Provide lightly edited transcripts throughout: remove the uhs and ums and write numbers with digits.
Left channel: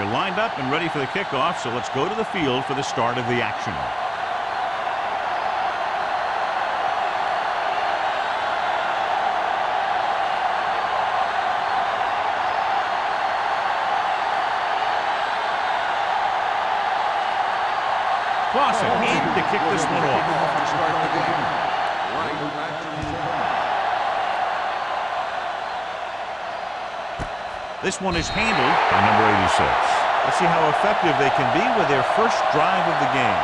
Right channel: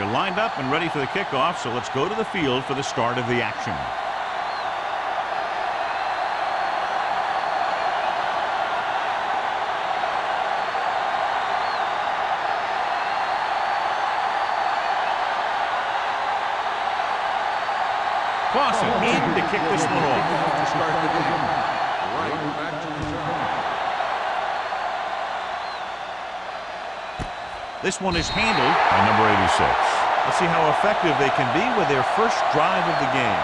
They're lined up and ready for the kickoff, so let's go to the field for the start of the action. Clausen in to kick this one off. To start the game. Right back to return. This one is handled by number 86. Let's see how effective they can be with their first drive of the game.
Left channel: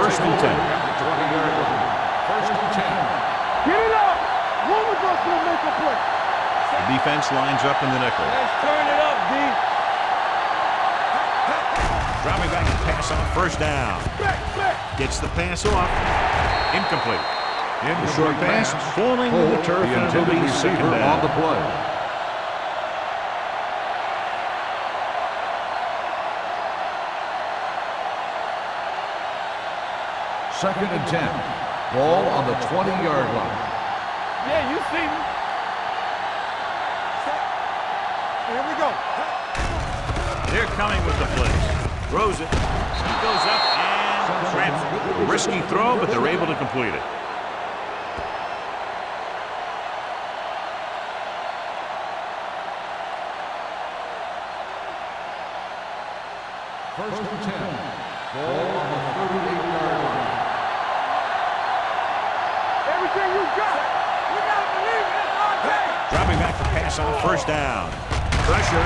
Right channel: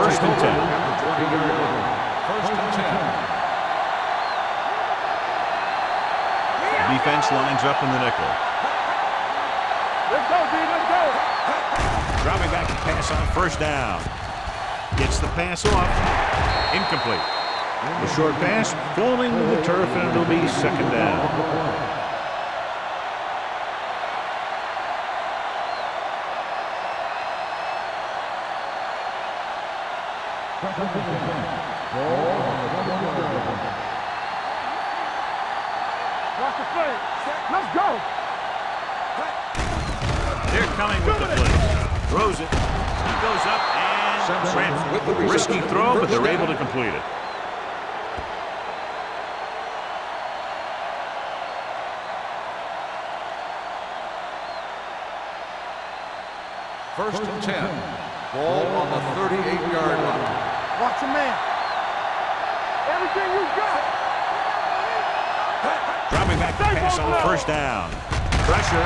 First and 10. At the 20-yard line. First and 10. Get it out. One of us will make a play. The defense lines up in the nickel. Let's turn it up, D. Let's go, D. Let's go. Dropping back to pass on first down. Gets the pass off. Incomplete. The short pass falling to the turf, and it'll be second down. Second and 10. Ball on the 20-yard line. Yeah, you see me. Watch the play. Set. Let's go. Here we go. They're coming with the blitz. Throws it. He goes up and grabs it. Risky throw, but they're able to complete it. First and 10. Ball on the 38-yard line. Watch your man. Everything you got. We gotta believe it. It's our day. Dropping back to pass on first down. Pressure.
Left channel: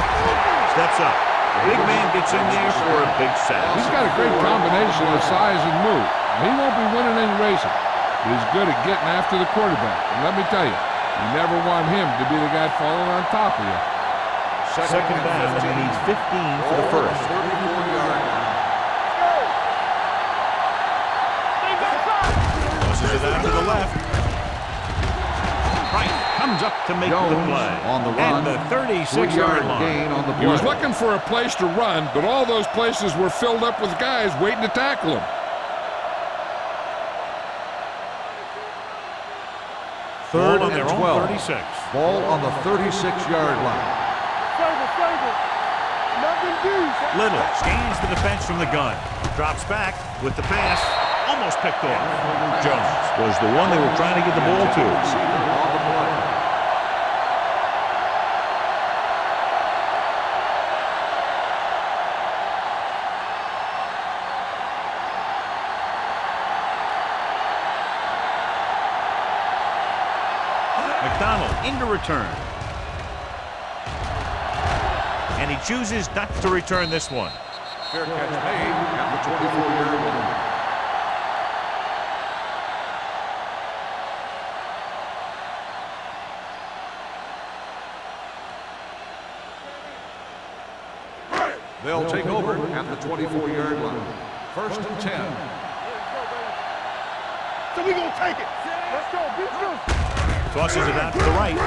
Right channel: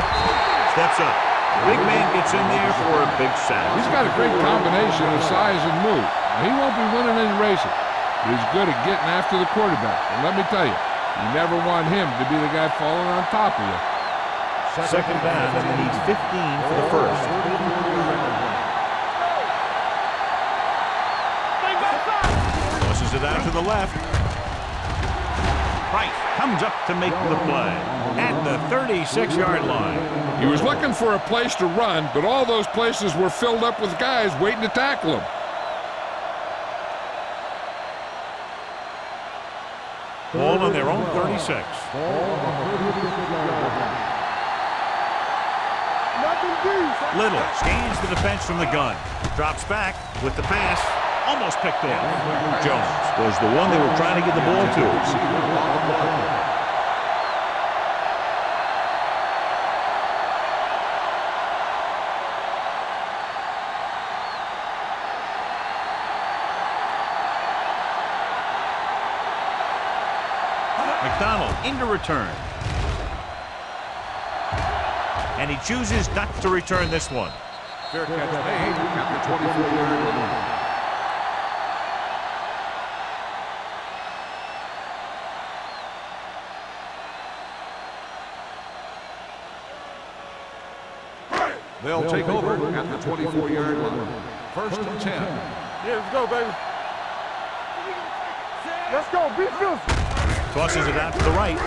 Steps up. Big man gets in there for a big sack. He's got a great combination of size and move. Now, he won't be winning any races, but he's good at getting after the quarterback. And let me tell you, you never want him to be the guy falling on top of you. Second down, and they need 15 for the first. 34-yard line. Tosses it out to the left. Price comes up to make the play at the 36-yard line. He was looking for a place to run, but all those places were filled up with guys waiting to tackle him. Ball on their own 36. Ball on the 36-yard line. Little scans the defense from the gun. Drops back with the pass. Almost picked off. Jones was the one they were trying to get the ball to. Receiver on the play. McDonald into return. And he chooses not to return this one. Fair catch made at the 24-yard line. They'll take over at the 24-yard line. First and 10. Let's go, baby. So we gonna take it. Let's go. Be physical. Tosses it out to the right.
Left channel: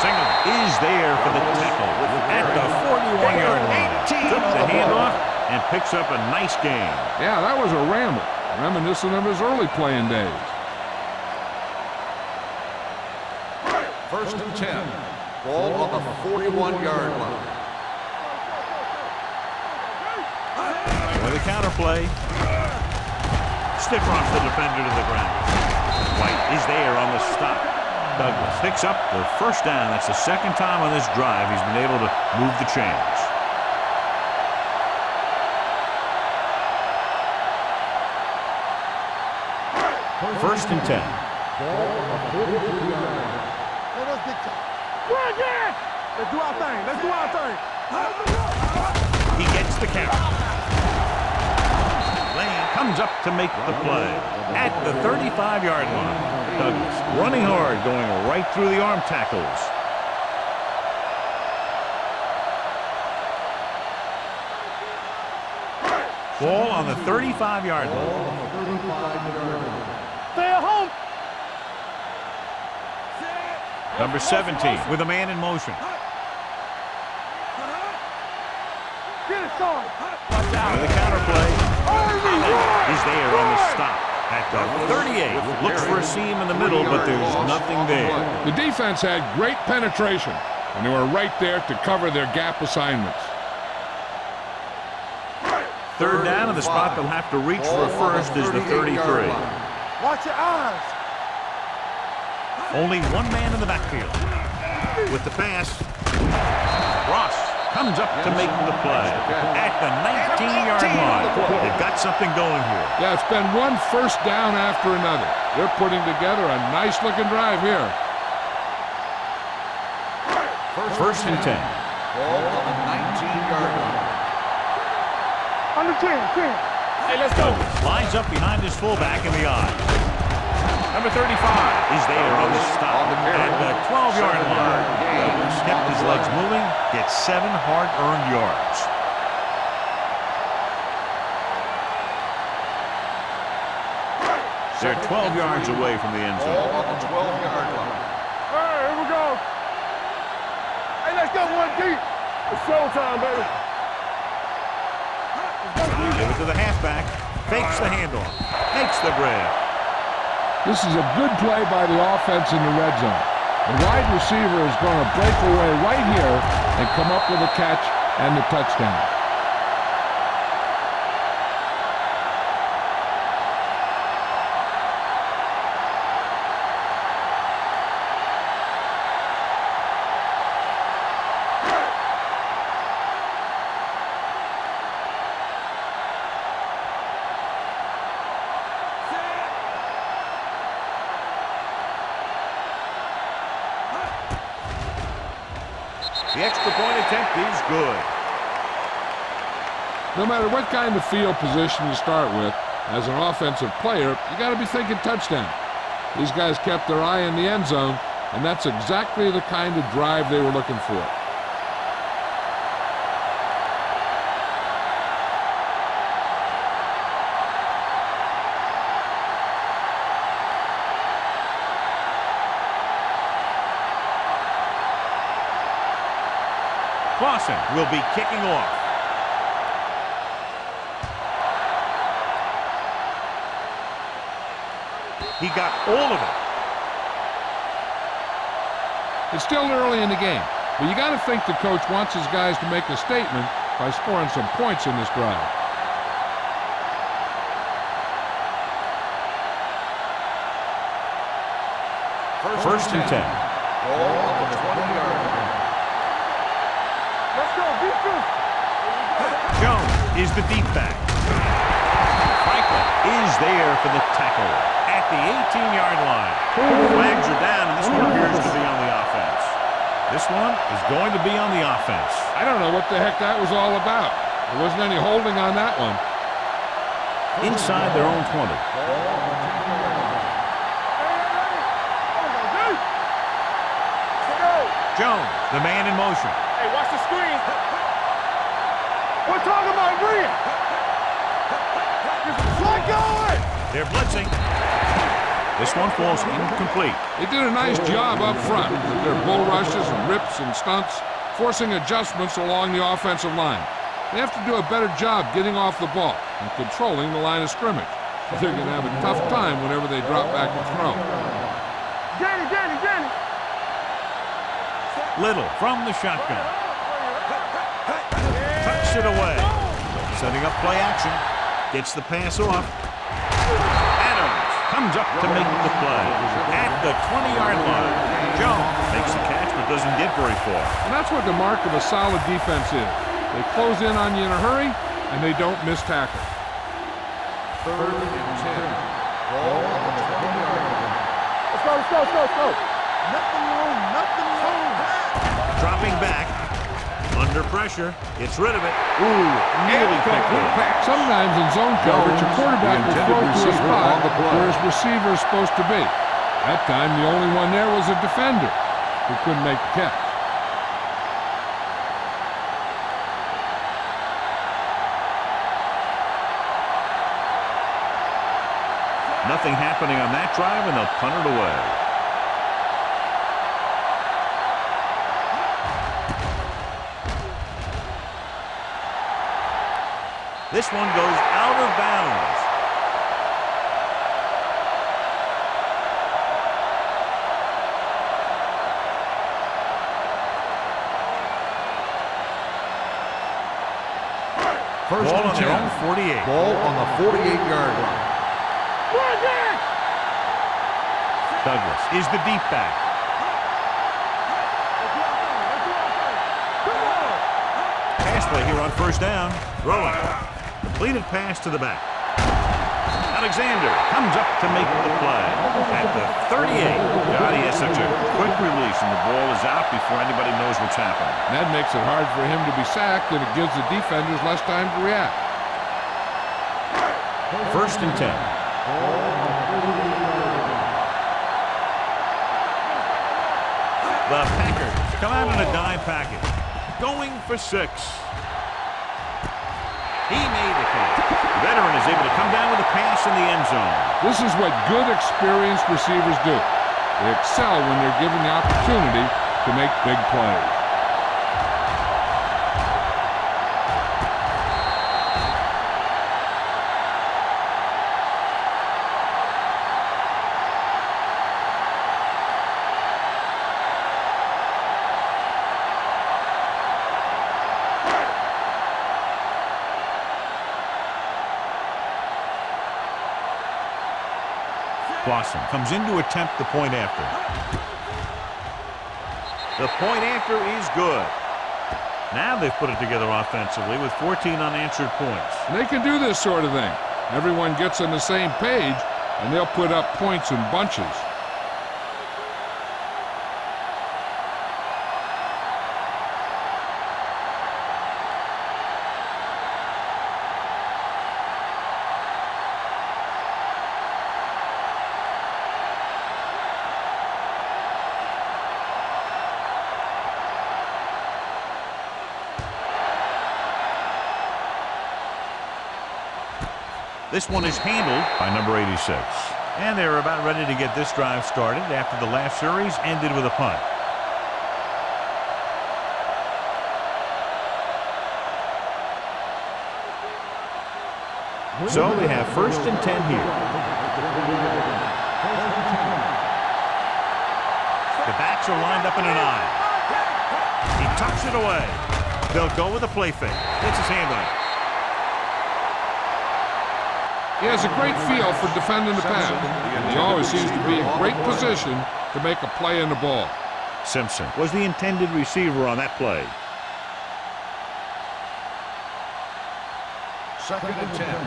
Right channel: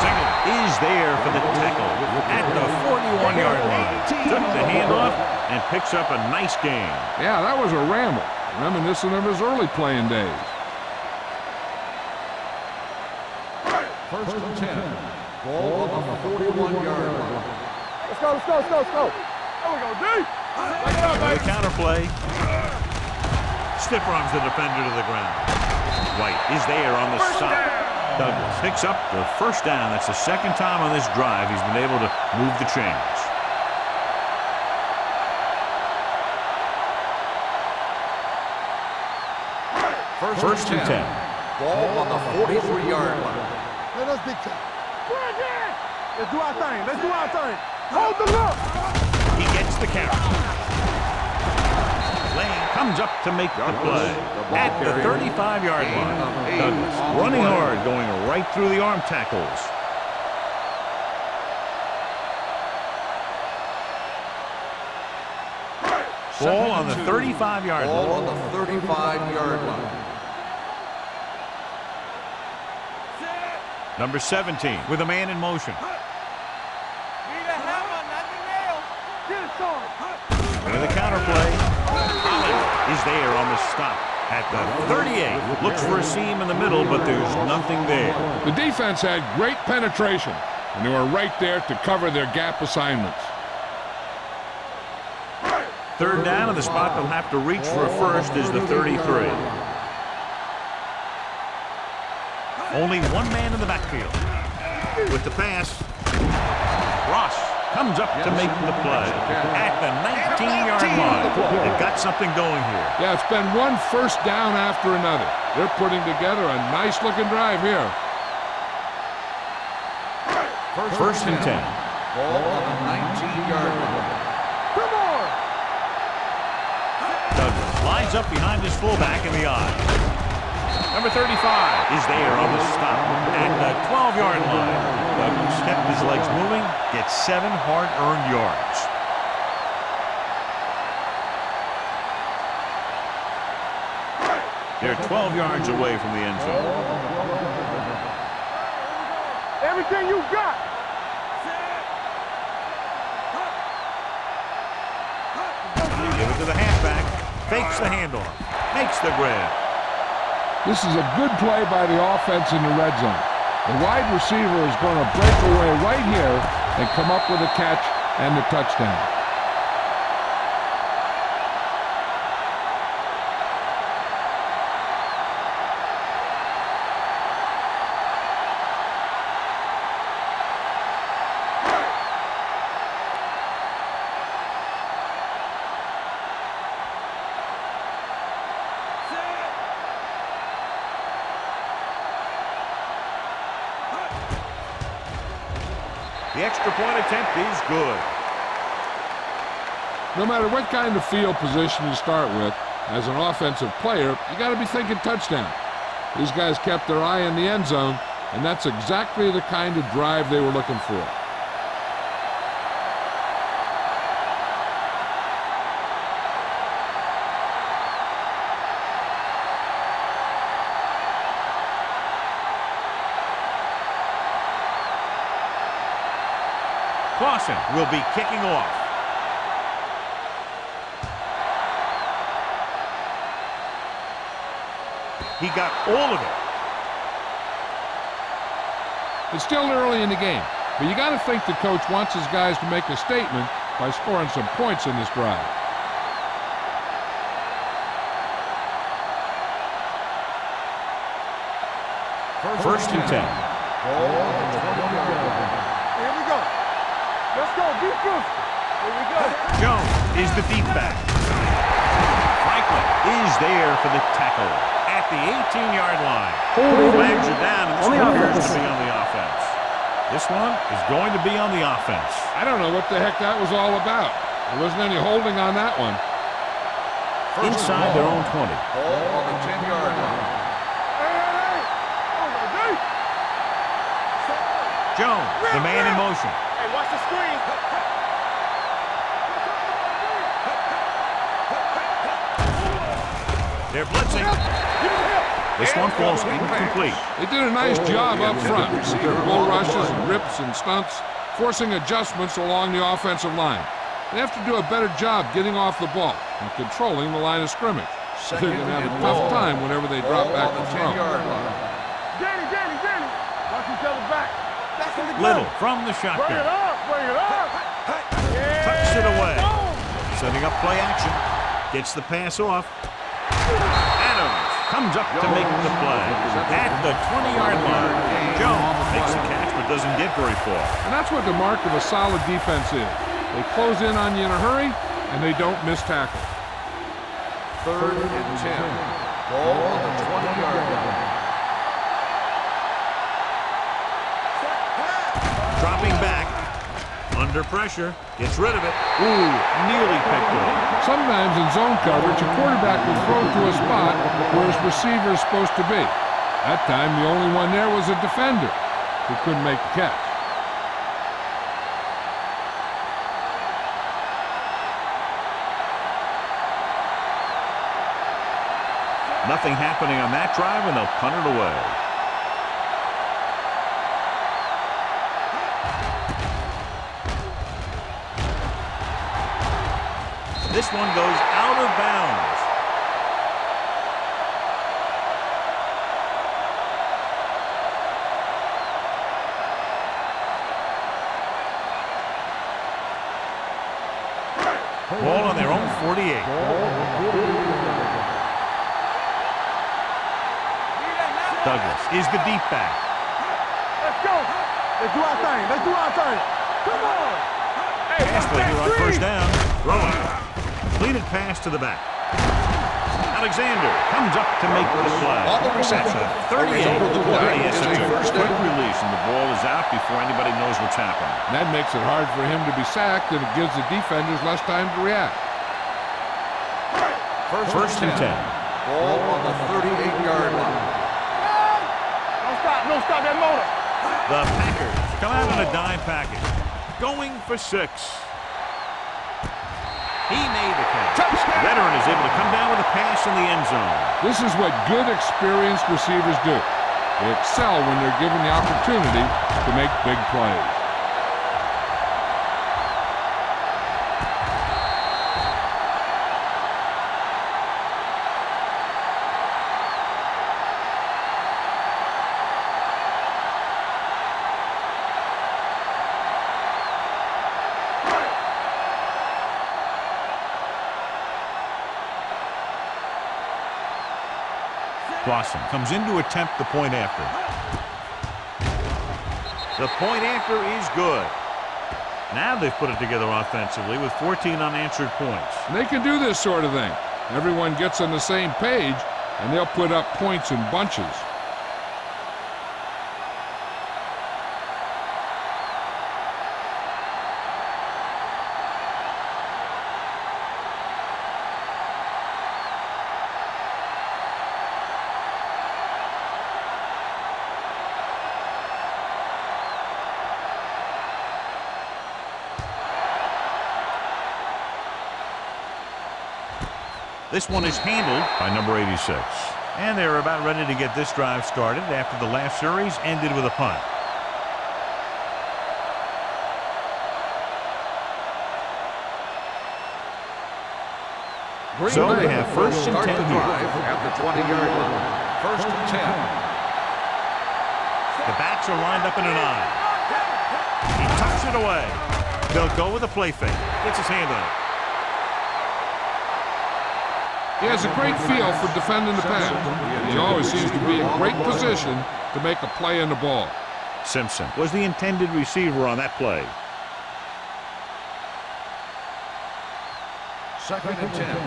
Singleton is there for the tackle at the 41-yard line. Took the handoff and picks up a nice gain. Yeah, that was a ramble, reminiscent of his early playing days. First and 10. Ball on the 41-yard line. Let's go, let's go, let's go, let's go. With a counter play. Stiff arms the defender to the ground. White is there on the stop. Douglas picks up the first down. That's the second time on this drive he's been able to move the chains. First and 10. Ball on the 43-yard line. Let us dictate. We're again. Let's do our thing. Let's do our thing. Hold the look. He gets the carry. Lane comes up to make the play at the 35-yard line. Douglas running hard, going right through the arm tackles. Ball on the 35-yard line. Ball on the 35-yard line. Stay at home. Number 17 with a man in motion. Get it, son. With the counter play. Holland is there on the stop at the 38. Looks for a seam in the middle, but there's nothing there. The defense had great penetration, and they were right there to cover their gap assignments. Third down, and the spot they'll have to reach for a first is the 33. Watch your eyes. Only one man in the backfield. With the pass, Ross comes up to make the play at the 19-yard line. They've got something going here. Yeah, it's been one first down after another. They're putting together a nice-looking drive here. First and 10. Ball on the 19-yard line. On the 10. Douglas lines up behind his fullback in the eye. Number 35 is there on the stop at the 12-yard line. Douglas kept his legs moving, gets 7 hard-earned yards. They're 12 yards away from the end zone. Ball on the 12-yard line. Here we go. Everything you got. Hey, let's go, one deep. It's showtime, baby. Give it to the halfback. Fakes the handoff. Makes the grab. This is a good play by the offense in the red zone. The wide receiver is going to break away right here and come up with a catch and the touchdown. The extra point attempt is good. No matter what kind of field position you start with, as an offensive player, you got to be thinking touchdown. These guys kept their eye in the end zone, and that's exactly the kind of drive they were looking for. Clausen will be kicking off. He got all of it. It's still early in the game, but you got to think the coach wants his guys to make a statement by scoring some points in this drive. First and 10. Ball on the 20-yard line. Here we go. Let's go. Be physical. Here we go. Jones is the deep back. Franklin is there for the tackle at the 18-yard line. Flags are down, and this one appears to be on the offense. This one is going to be on the offense. I don't know what the heck that was all about. There wasn't any holding on that one. Inside their own 20. Ball on the 10-yard line. Hey. Oh, we go deep. Stay up. Jones, the man in motion. Hey, watch the screen. We're talking about green. They're blitzing. This one falls incomplete. They did a nice job up front with their bull rushes and rips and stunts, forcing adjustments along the offensive line. They have to do a better job getting off the ball and controlling the line of scrimmage. So they're going to have a tough time whenever they drop back to throw. Danny. Watch each other back. Little from the Bring it shotgun. up. Tucks it away. Setting up play action. Gets the pass off. Adams comes up to make the play at the 20-yard line. Jones makes the catch but doesn't get very far. And that's what the mark of a solid defense is. They close in on you in a hurry, and they don't miss tackle. 3rd and 10. Ball on the 20-yard line. Let's go. Nothing wrong. Dropping back. Under pressure. Gets rid of it. Ooh, nearly picked off. Sometimes in zone coverage, a quarterback will throw to a spot where his receiver is supposed to be. That time, the only one there was a defender who couldn't make the catch. Nothing happening on that drive, and they'll punt it away. This one goes out of bounds. Ball on their own 48. Ball on the 48-yard line. Douglas is the deep back. Let's go. Let's do our thing. Let's do our thing. Come on. Pass play here on first down. Throwing. Completed pass to the back. Alexander comes up to make the play. At the 38. God, he has such a quick release, and the ball is out before anybody knows what's happening. And that makes it hard for him to be sacked, and it gives the defenders less time to react. First and 10. Ball on the 38-yard line. Don't stop that motor. The Packers come out in a dime package. Going for 6. He made the catch. The veteran is able to come down with a pass in the end zone. This is what good, experienced receivers do. They excel when they're given the opportunity to make big plays. Blossom comes in to attempt the point after. The point after is good. Now they've put it together offensively with 14 unanswered points. And they can do this sort of thing. Everyone gets on the same page, and they'll put up points in bunches. This one is handled by number 86. And they're about ready to get this drive started after the last series ended with a punt. So they have first and 10 here. At the 20-yard line. First and 10. The backs are lined up in an I. He tucks it away. They'll go with a play fake. It's his hand on it. He has a great feel for defending the pass. And he always seems to be in great position to make a play in the ball. Simpson was the intended receiver on that play. Second and 10.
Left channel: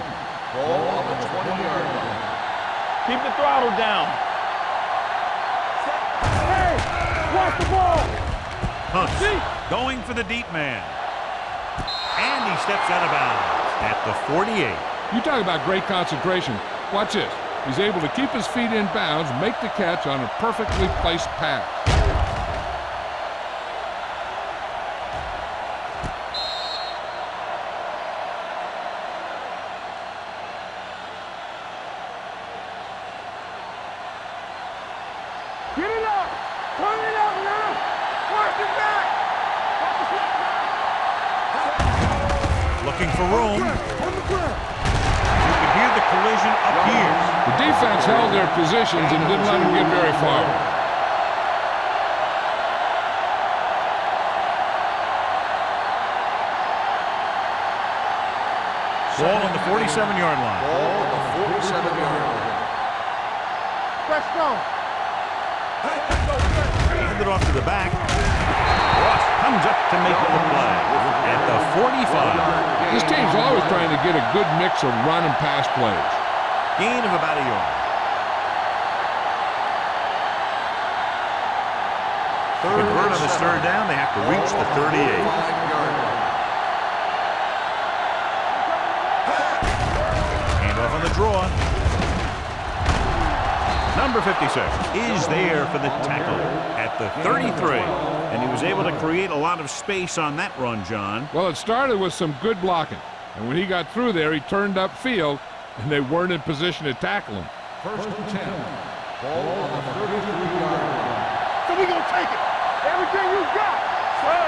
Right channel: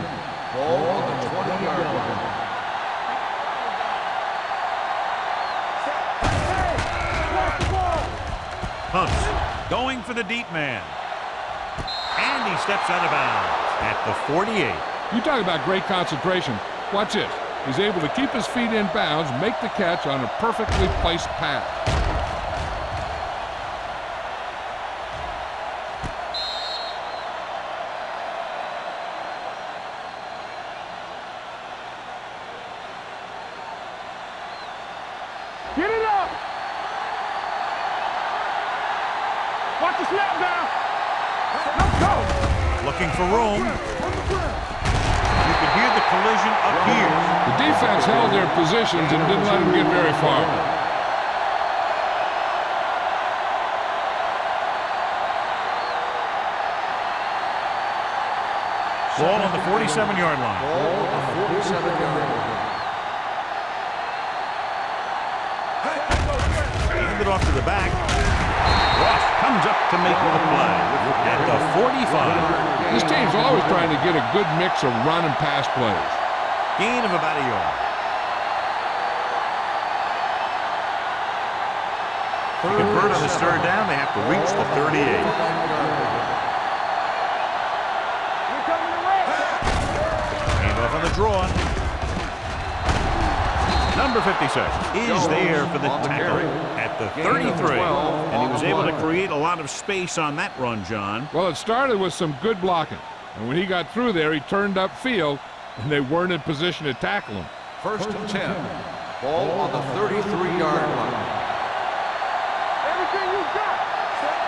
Ball on the 20-yard line. Keep the throttle down. Hey, watch the ball. Hunts going for the deep man. And he steps out of bounds at the 48. You talk about great concentration. Watch this. He's able to keep his feet in bounds, make the catch on a perfectly placed pass. Get it up. Turn it up now. Watch it back. Watch the snap now. Looking for room. On the ground. You can hear the collision up here. The defense held their positions and didn't let him get very far. Ball on the 47-yard line. Ball on the 47-yard line. Let's go. Handed off to the back. Ross comes up to make the play at the 45. This team's always trying to get a good mix of run and pass plays. Gain of about a yard. To convert on this third down, they have to reach the 38. Hand off on the draw. Number 56 is there for the tackle at the 33. And he was able to create a lot of space on that run, John. Well, it started with some good blocking. And when he got through there, he turned upfield, and they weren't in position to tackle him. First and 10. Ball on the 33-yard line. So we're going to take it. Everything you got. Score.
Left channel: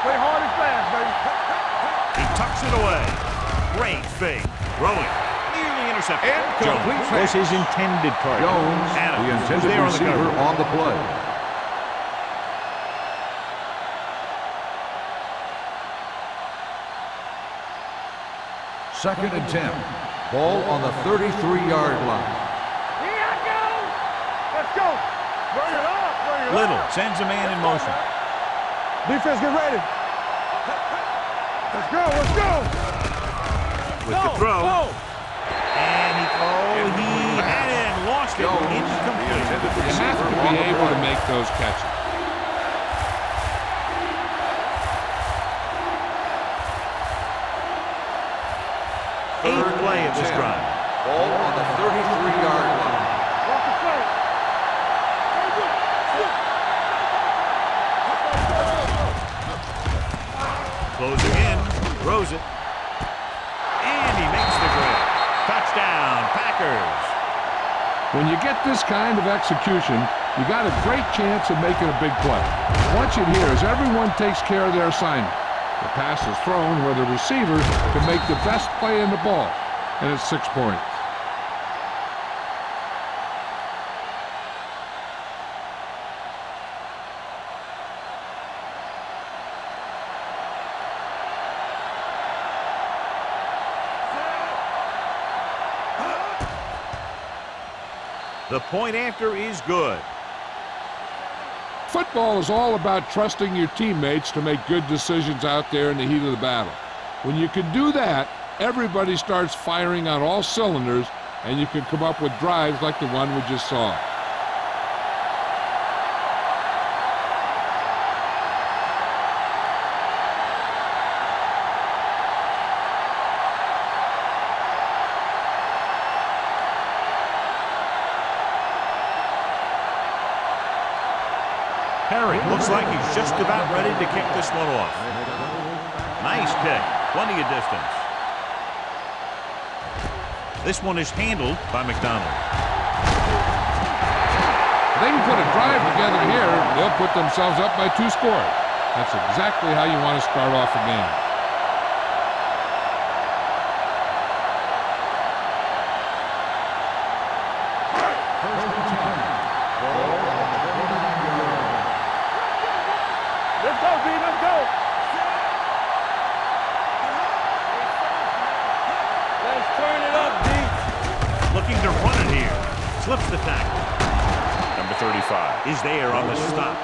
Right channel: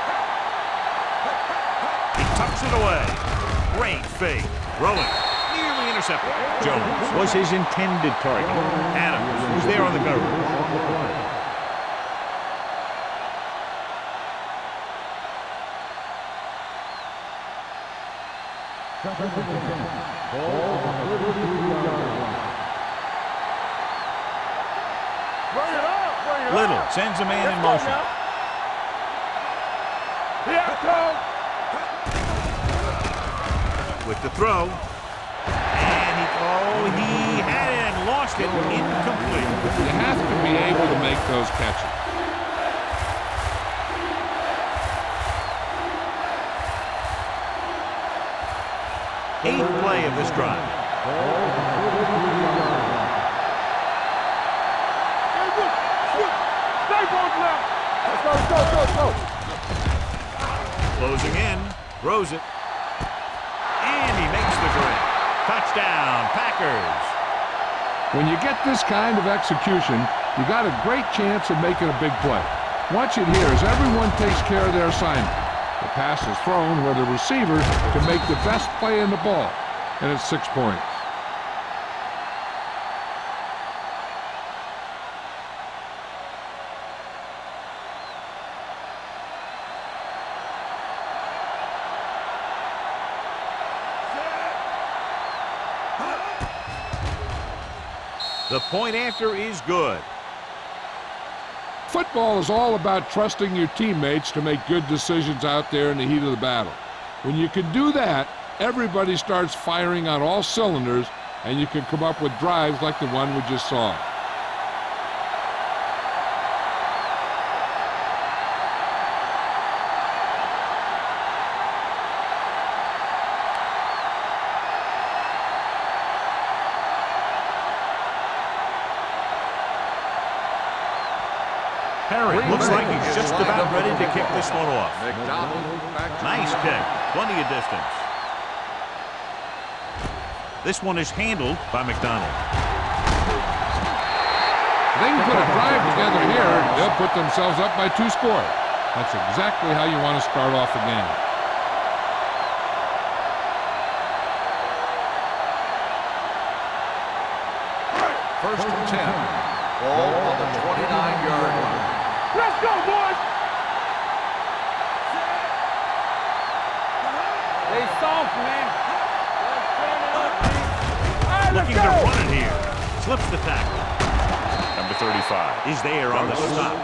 Play hard and fast, baby. tucks it away. Great fake. Throwing. Nearly intercepted. Jones was his intended target. Adams was there on the cover. On the play. Second and 10. Ball on the 33-yard line. Let's go. Bring it up. Bring it Little up. sends a man in Let's go motion. now. Defense, get ready. Let's go. Let's go. Let's go. With the throw. And he had it and lost it. Incomplete. You have to be able to make those catches. Eighth play of this drive. Ball on the 33-yard line. Closing in. Throws it. And he makes the grab. Touchdown, Packers. When you get this kind of execution, you got a great chance of making a big play. Watch it here as everyone takes care of their assignment. The pass is thrown where the receiver can make the best play in the ball, and it's 6 points. The point after is good. Football is all about trusting your teammates to make good decisions out there in the heat of the battle. When you can do that, everybody starts firing on all cylinders, and you can come up with drives like the one we just saw. Perry looks like he's just about ready to kick this one off. Nice kick. Plenty of distance. This one is handled by McDonald. If they can put a drive together here, they'll put themselves up by 2 scores. That's exactly how you want to start off a game. First and 10. Ball on the 29-yard line. Let's go, boys. Let's go, B. Let's go. Stay soft, man. Let's turn it up, B. Looking to run it here. Slips the tackle. Number 35 is there on the stop.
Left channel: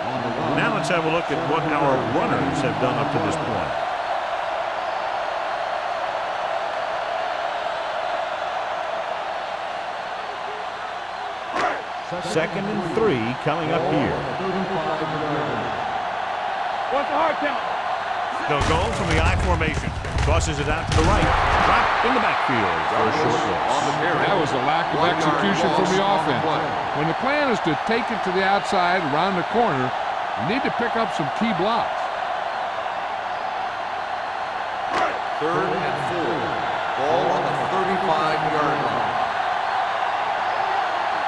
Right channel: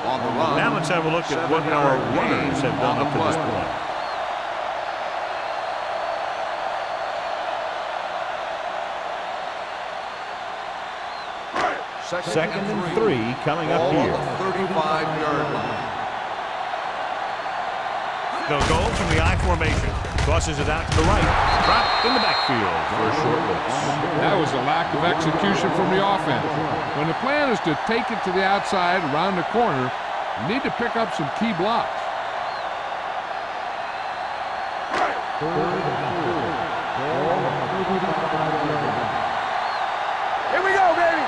Now let's have a look at what our runners have done up to this point. Second and 3 coming up here. 35-yard line. What's the hard count? They'll go from the I formation. Tosses it out to the right. Dropped in the backfield for a short loss. That was a lack of execution from the offense. When the plan is to take it to the outside around the corner, you need to pick up some key blocks. Third and 4. Ball on the 35-yard line. Here we go, baby.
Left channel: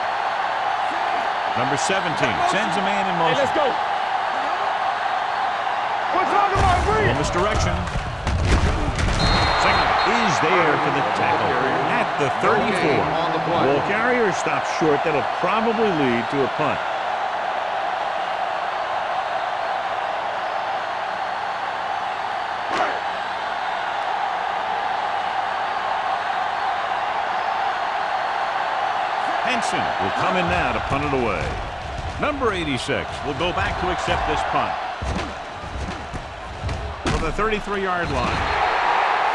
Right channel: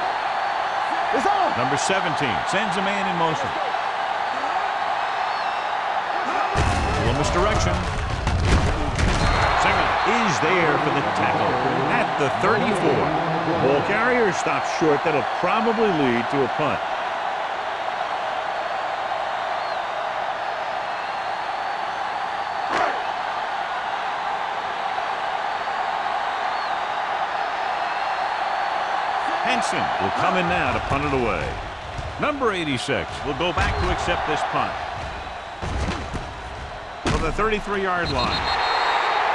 It's on. Number 17 sends a man in Hey, motion. let's go. What's on the line, Little misdirection. Single is there for the tackle at the 34. Ball carrier stops short. That'll probably lead to a punt. Henson will come in now to punt it away. Number 86 will go back to accept this punt. From the 33-yard line.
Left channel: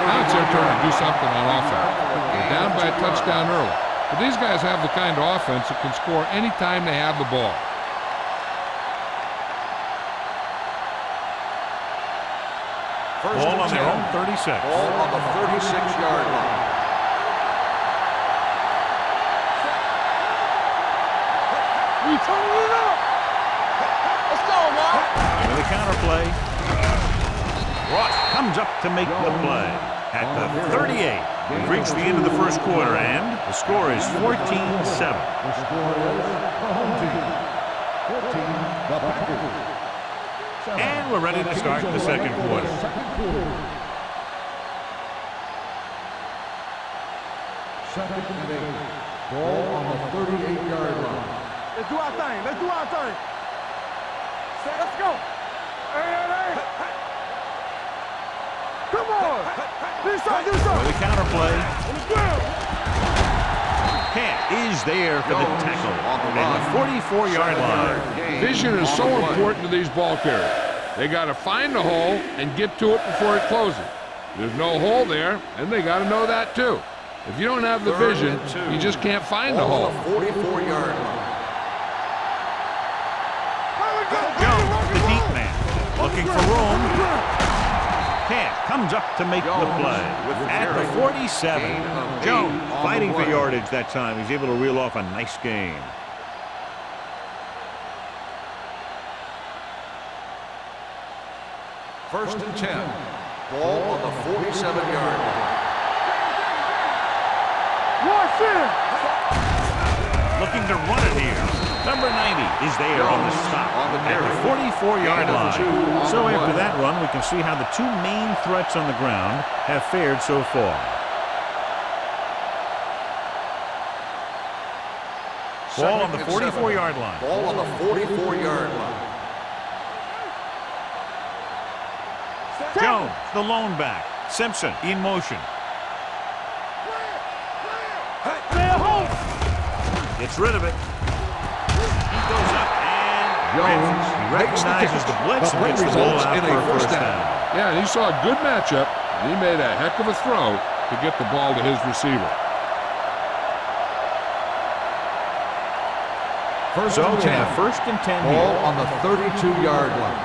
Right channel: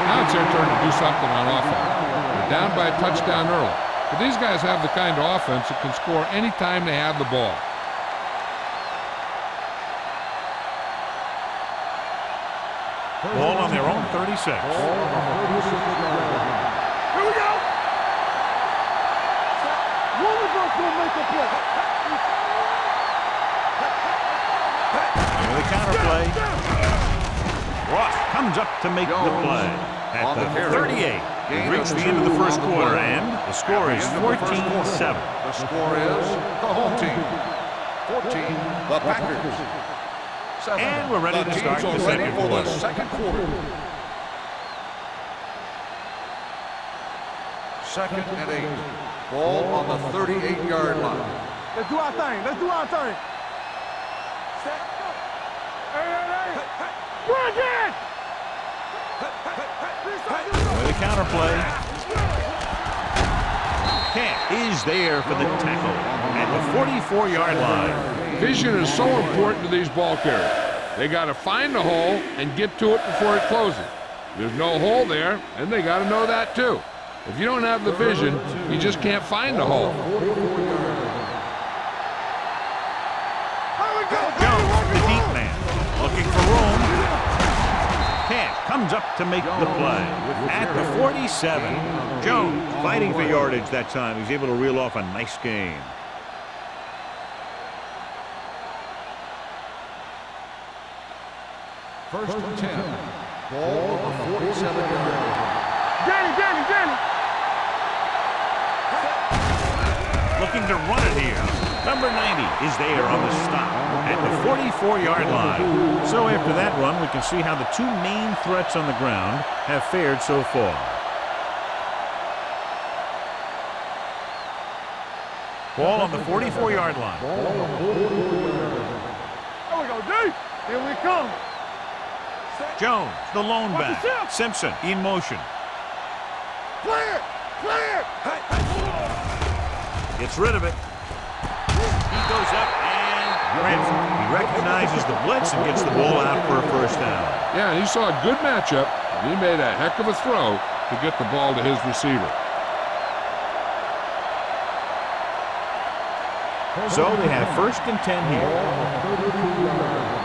Now it's their turn to do something on offense. They're down by a touchdown early. But these guys have the kind of offense that can score any time they have the ball. Ball on their own 36. Ball on the 36-yard line. Here we go. Set. What is going to make the play? We turn it up. Let's go, man. With a counter play. Ross comes up to make the play at the 38. We've reached the end of the first quarter, and the score is 14-7. The score is the home team 14, the Packers 7. And we're ready to start the second quarter. Second and 8. Ball on the 38-yard line. Let's do our thing. Let's do our thing. Set. Let's go. Hey. Work it. Come on. Do something. With a counterplay. Camp is there for the tackle at the 44-yard line. Vision is so important to these ball carriers. They got to find the hole and get to it before it closes. There's no hole there, and they got to know that too. If you don't have the vision, you just can't find the hole. 44-yard line. Jones, the deep man, looking for room. Camp comes up to make the play at the 47. Jones fighting for yardage that time. He's able to reel off a nice gain. First and 10. Ball on the 47-yard line. Looking to run it here. Number 90 is there on the stop at the 44-yard line. So after that run, we can see how the two main threats on the ground have fared so far. Ball on the 44-yard line. Ball on the 44-yard line. Here we come. Jones, the lone back. Simpson in motion. Clear. Gets rid of it. He goes up and grabs it. He recognizes the blitz and gets the ball out for a first down. Yeah, and he saw a good matchup, and he made a heck of a throw to get the ball to his receiver. So they have first and 10 here. Ball on the 32-yard line.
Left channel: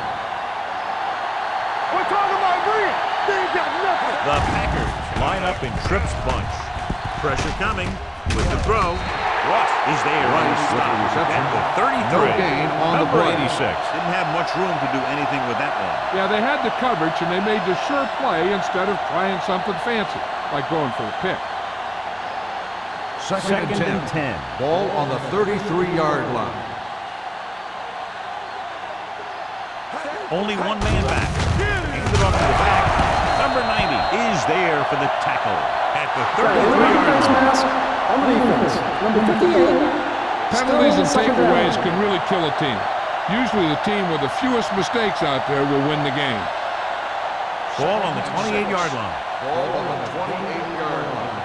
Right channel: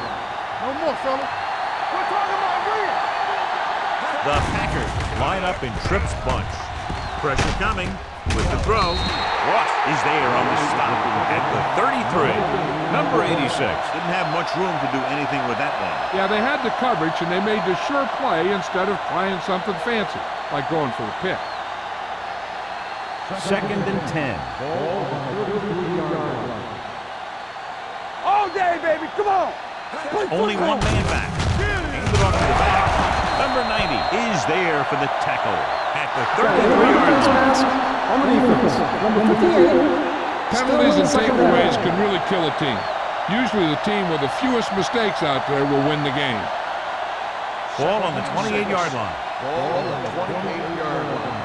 We're talking about real. The Packers line up in Tripp's bunch. Pressure coming with the throw. Russ is there on the stop at the 33. Number 86 didn't have much room to do anything with that one. Yeah, they had the coverage, and they made the sure play instead of trying something fancy, like going for the pick. Second and 10. Ball on the 33-yard line. All day, baby. Come on. Only one man back. Handed off to the back. Number 90 is there for the tackle at the 33-yard line. On the defense, number 58. Penalties and takeaways can really kill a team. Usually the team with the fewest mistakes out there will win the game. Ball on the 28-yard line. Ball on the 28-yard line.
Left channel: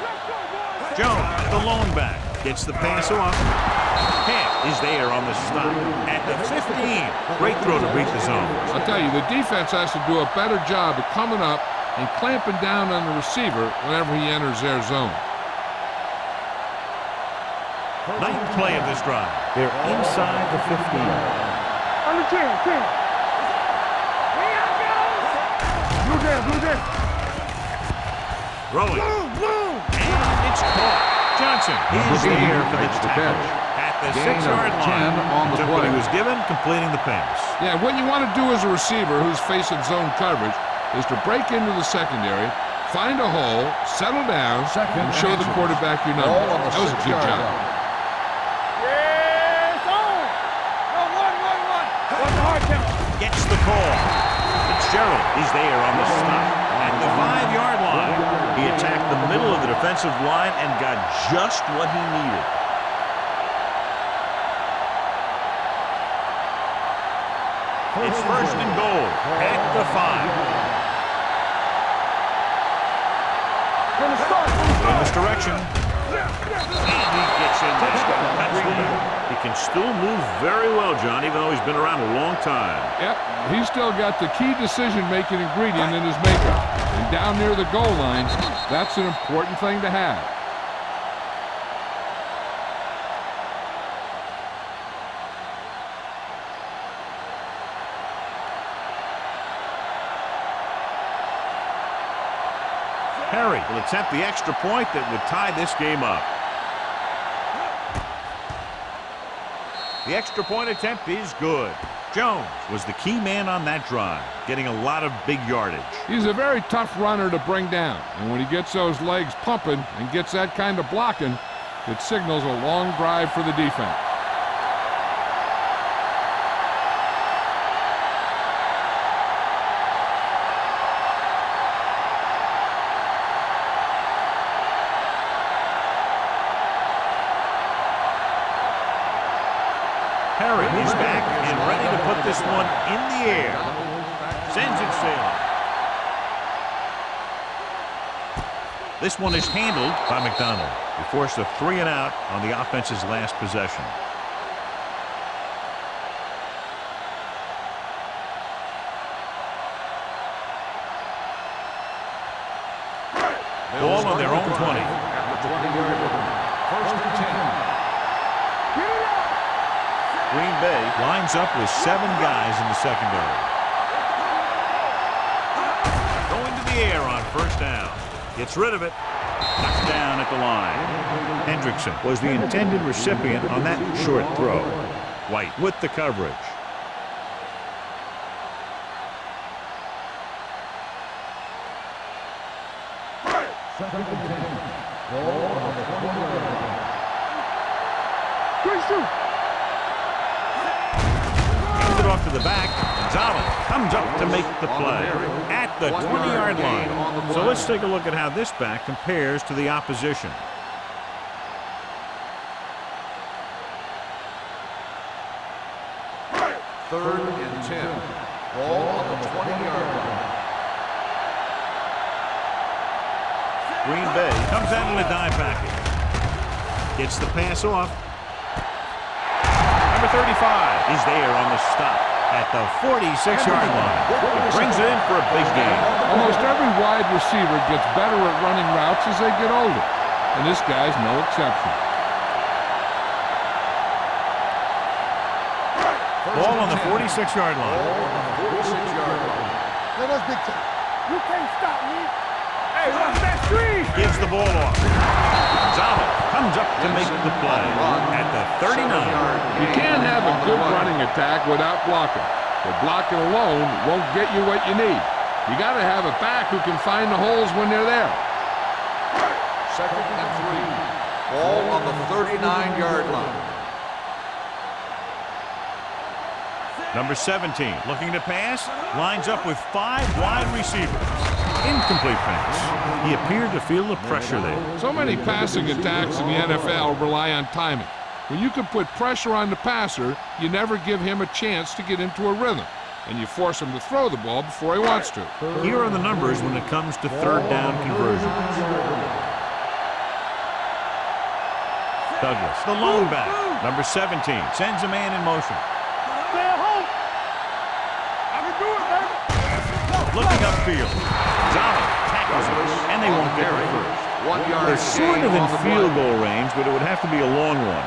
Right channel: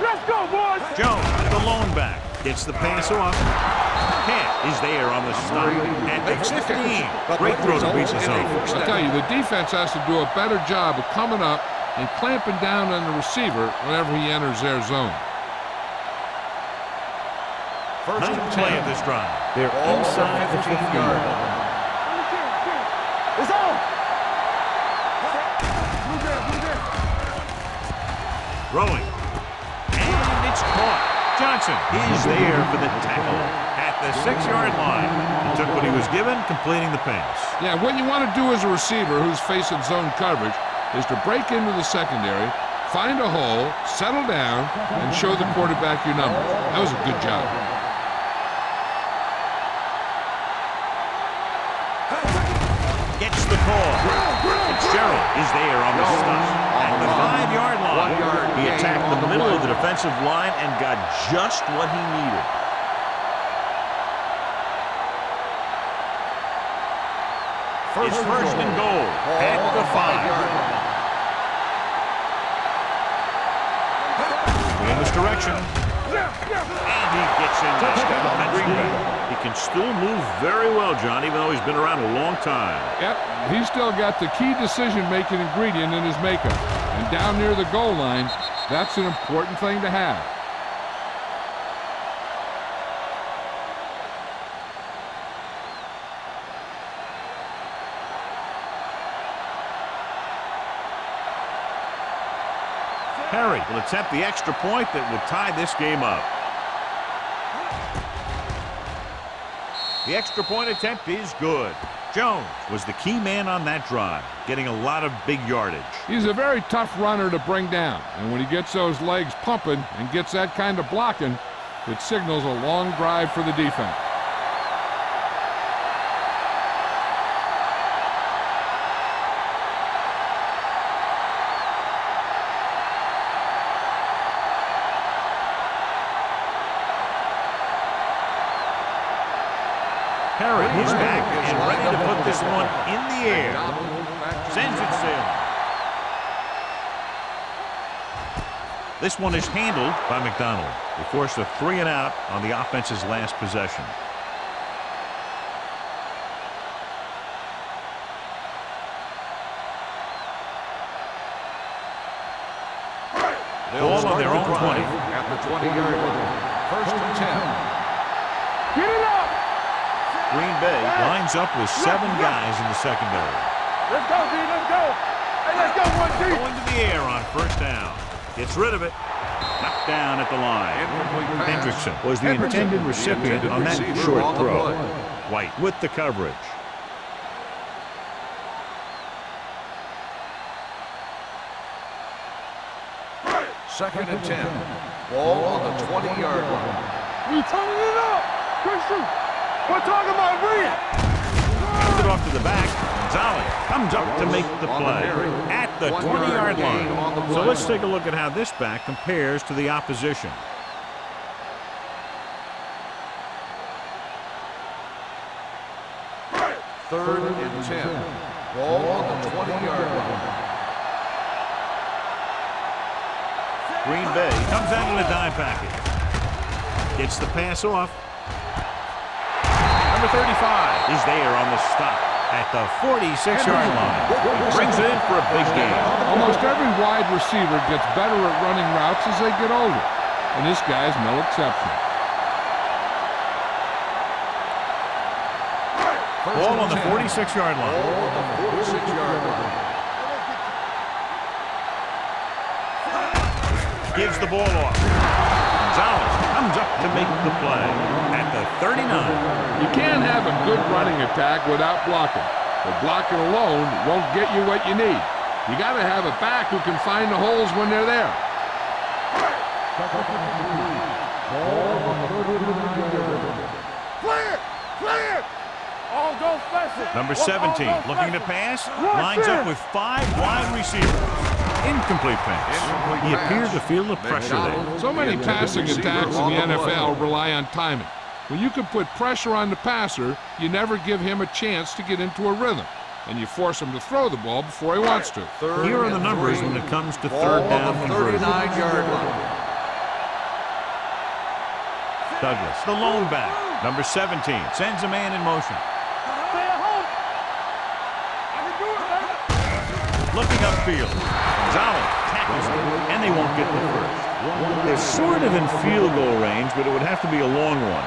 Let's go, boys. Jones, the lone back, gets the pass off. Camp is there on the stop at the 15. Great throw to beat the zone. I'll tell you, the defense has to do a better job of coming up and clamping down on the receiver whenever he enters their zone. Ninth play of this drive. They're inside the 15. Under 10. It's on. Blue down. Rolling. And it's caught. Johnson is there for the tackle at the 6-yard line. He took what he was given, completing the pass. Yeah, what you want to do as a receiver who's facing zone coverage is to break into the secondary, find a hole, settle down, and show the quarterback your number. That was a good job. Gets the call. Fitzgerald is there on the stop at the 5-yard line. He attacked the middle of the defensive line and got just what he needed. It's first and goal at the 5. In this direction. And he gets in there. Touchdown. He can still move very well, John, even though he's been around a long time. Yep, he's still got the key decision-making ingredient in his makeup. And down near the goal line, that's an important thing to have. Perry will attempt the extra point that would tie this game up. The extra point attempt is good. Jones was the key man on that drive, getting a lot of big yardage. He's a very tough runner to bring down, and when he gets those legs pumping and gets that kind of blocking, it signals a long drive for the defense. Perry is back and ready to put this one in the air. Sends it sailing. This one is handled by McDonald. They forced a 3 and out on the offense's last possession. Ball on their own 20. At the 20-yard line. 1st and 10. Get it up. Green Bay lines up with 7 guys in the secondary. Let's go, B. Let's go. Hey, let's go, Going to the air on 1st down. Gets rid of it. Knocked down at the line. Hendrickson was the intended recipient on that short throw. White with the coverage. Second and 10. Ball on the 20-yard line. You turning it up. Good shoot. We're talking about Green. Hands it off to the back. Gonzalez comes up to make the play at the 20-yard line. So let's take a look at how this back compares to the opposition. Third and 10. Ball on the 20-yard line. Green Bay comes out in a dime package. Gets the pass off. Number 35 is there on the stop at the 46-yard line. He brings it in for a big game. Almost every wide receiver gets better at running routes as they get older, and this guy's no exception. Ball on the 46-yard line. Ball on the 46-yard line. Let us dictate. You can't stop me. Hey, what's that Green? Gives the ball off. Gonzalez comes up to make the play at the 39. You can't have a good running attack without blocking, but blocking alone won't get you what you need. You got to have a back who can find the holes when they're there. Second and 3. Ball on the 39-yard line. Clear. Clear. All go flexible. Number 17 looking to pass. Lines up with 5 wide receivers. Incomplete pass. He appeared to feel the pressure there. So many passing attacks in the NFL rely on timing. When you can put pressure on the passer, you never give him a chance to get into a rhythm, and you force him to throw the ball before he wants to. Here are the numbers when it comes to 3rd down conversions. Douglas, the lone back. Number 17 sends a man in motion. Stay at home. I can do it, baby. Looking upfield. Gonzalez tackles him, and they won't get the first. They're sort of in field goal range, but it would have to be a long one.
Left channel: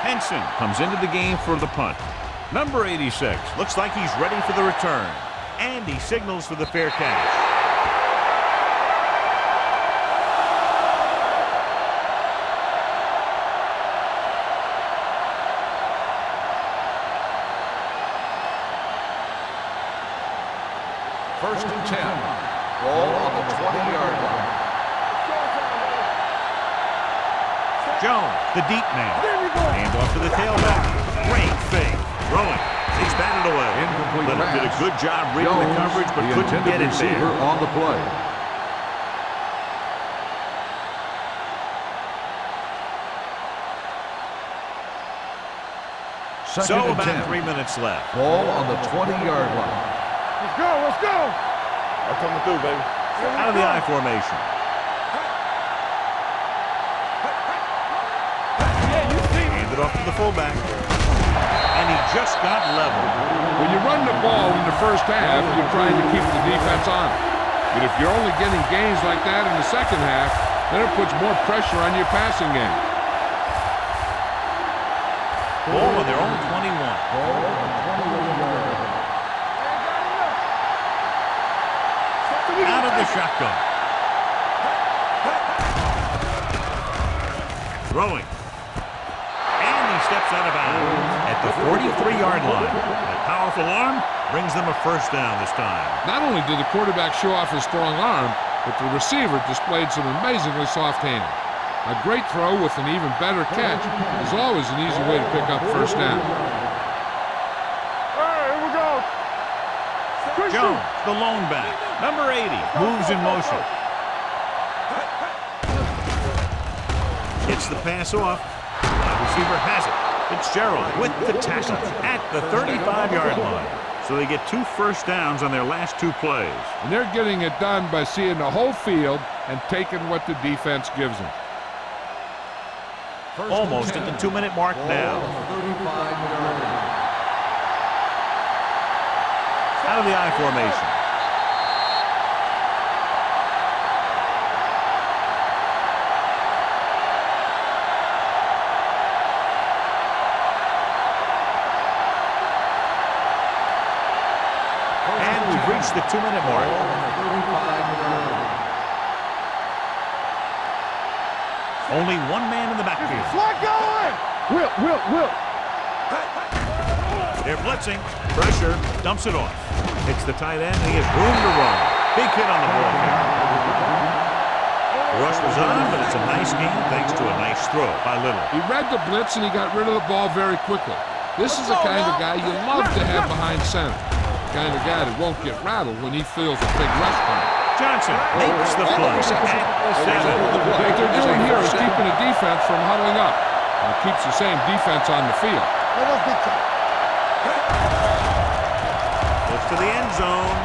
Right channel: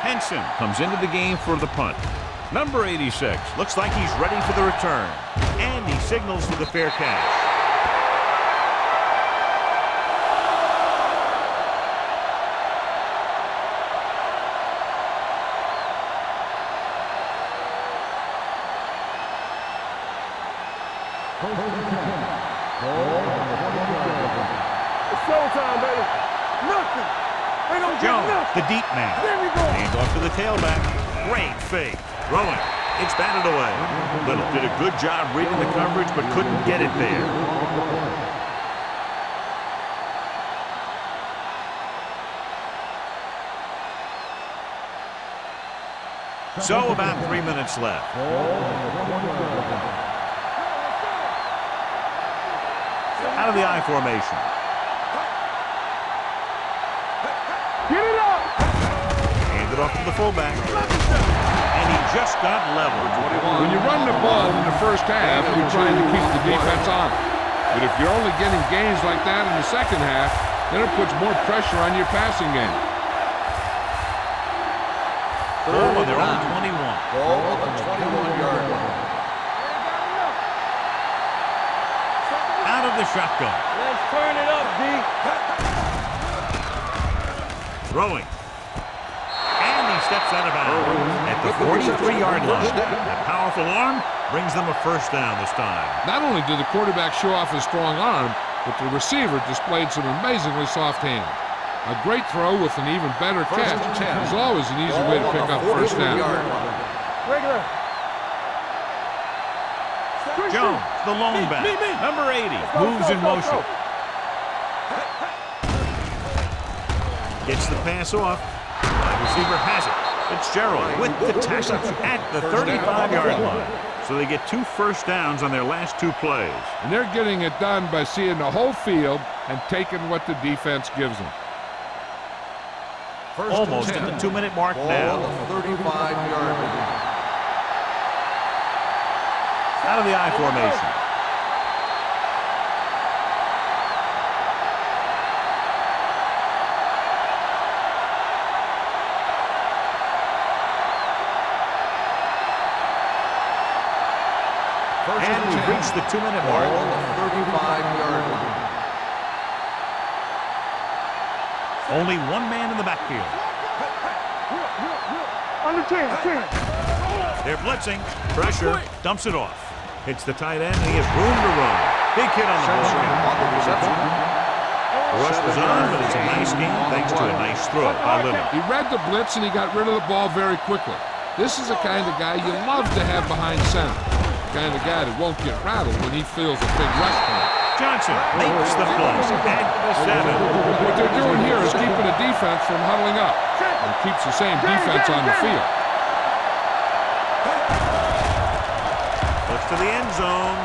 Henson comes into the game for the punt. Number 86 looks like he's ready for the return, and he signals for the fair catch. First and 10. Ball on the 20-yard line. It's showtime, baby. Nothing. Jones, the deep man. There we go. Hand off to the tailback. Great fake. Throwing. It's batted away. Little did a good job reading the coverage, but couldn't get it there. On the play. So about 3 minutes left. Ball on the 20-yard line. Let's go. Let's go. That's coming through, baby. Out of the I formation. Get it up. Handed off to the fullback. And he just got leveled. When you run the ball in the first half, you're trying to keep the defense on it. But if you're only getting gains like that in the second half, then it puts more pressure on your passing game. Ball on their own 21. Ball on the 21-yard line. They ain't got enough. Out of the shotgun. Let's turn it up, D. Throwing. And he steps out of bounds at the 43-yard line. That powerful arm brings them a first down this time. Not only did the quarterback show off his strong arm, but the receiver displayed some amazingly soft hands. A great throw with an even better catch is always an easy way to pick up first down. Regular. All right, here we go. Jones, the lone back. Number 80, moves in motion. Gets the pass off. Wide receiver has it. Fitzgerald with the tackle at the 35-yard line. So they get 2 first downs on their last 2 plays. And they're getting it done by seeing the whole field and taking what the defense gives them. Almost at the 2-minute mark now. Ball on the 35-yard line. Out of the I formation. And we've reached the 2-minute mark. Ball on the 35-yard line. Only 1 man in the backfield. Whip. On the 10. They're blitzing. Pressure. Dumps it off. Hits the tight end, and he has room to run. Big hit on the ball carrier. The rush was on, but it's a nice game thanks to a nice throw by Leonard. He read the blitz and he got rid of the ball very quickly. This is the kind of guy you love to have behind center. The kind of guy that won't get rattled when he feels a big rush coming. Johnson makes the play at the 7. What they're doing here is keeping the defense from huddling up. And it keeps the same defense on the field. Looks to the end zone.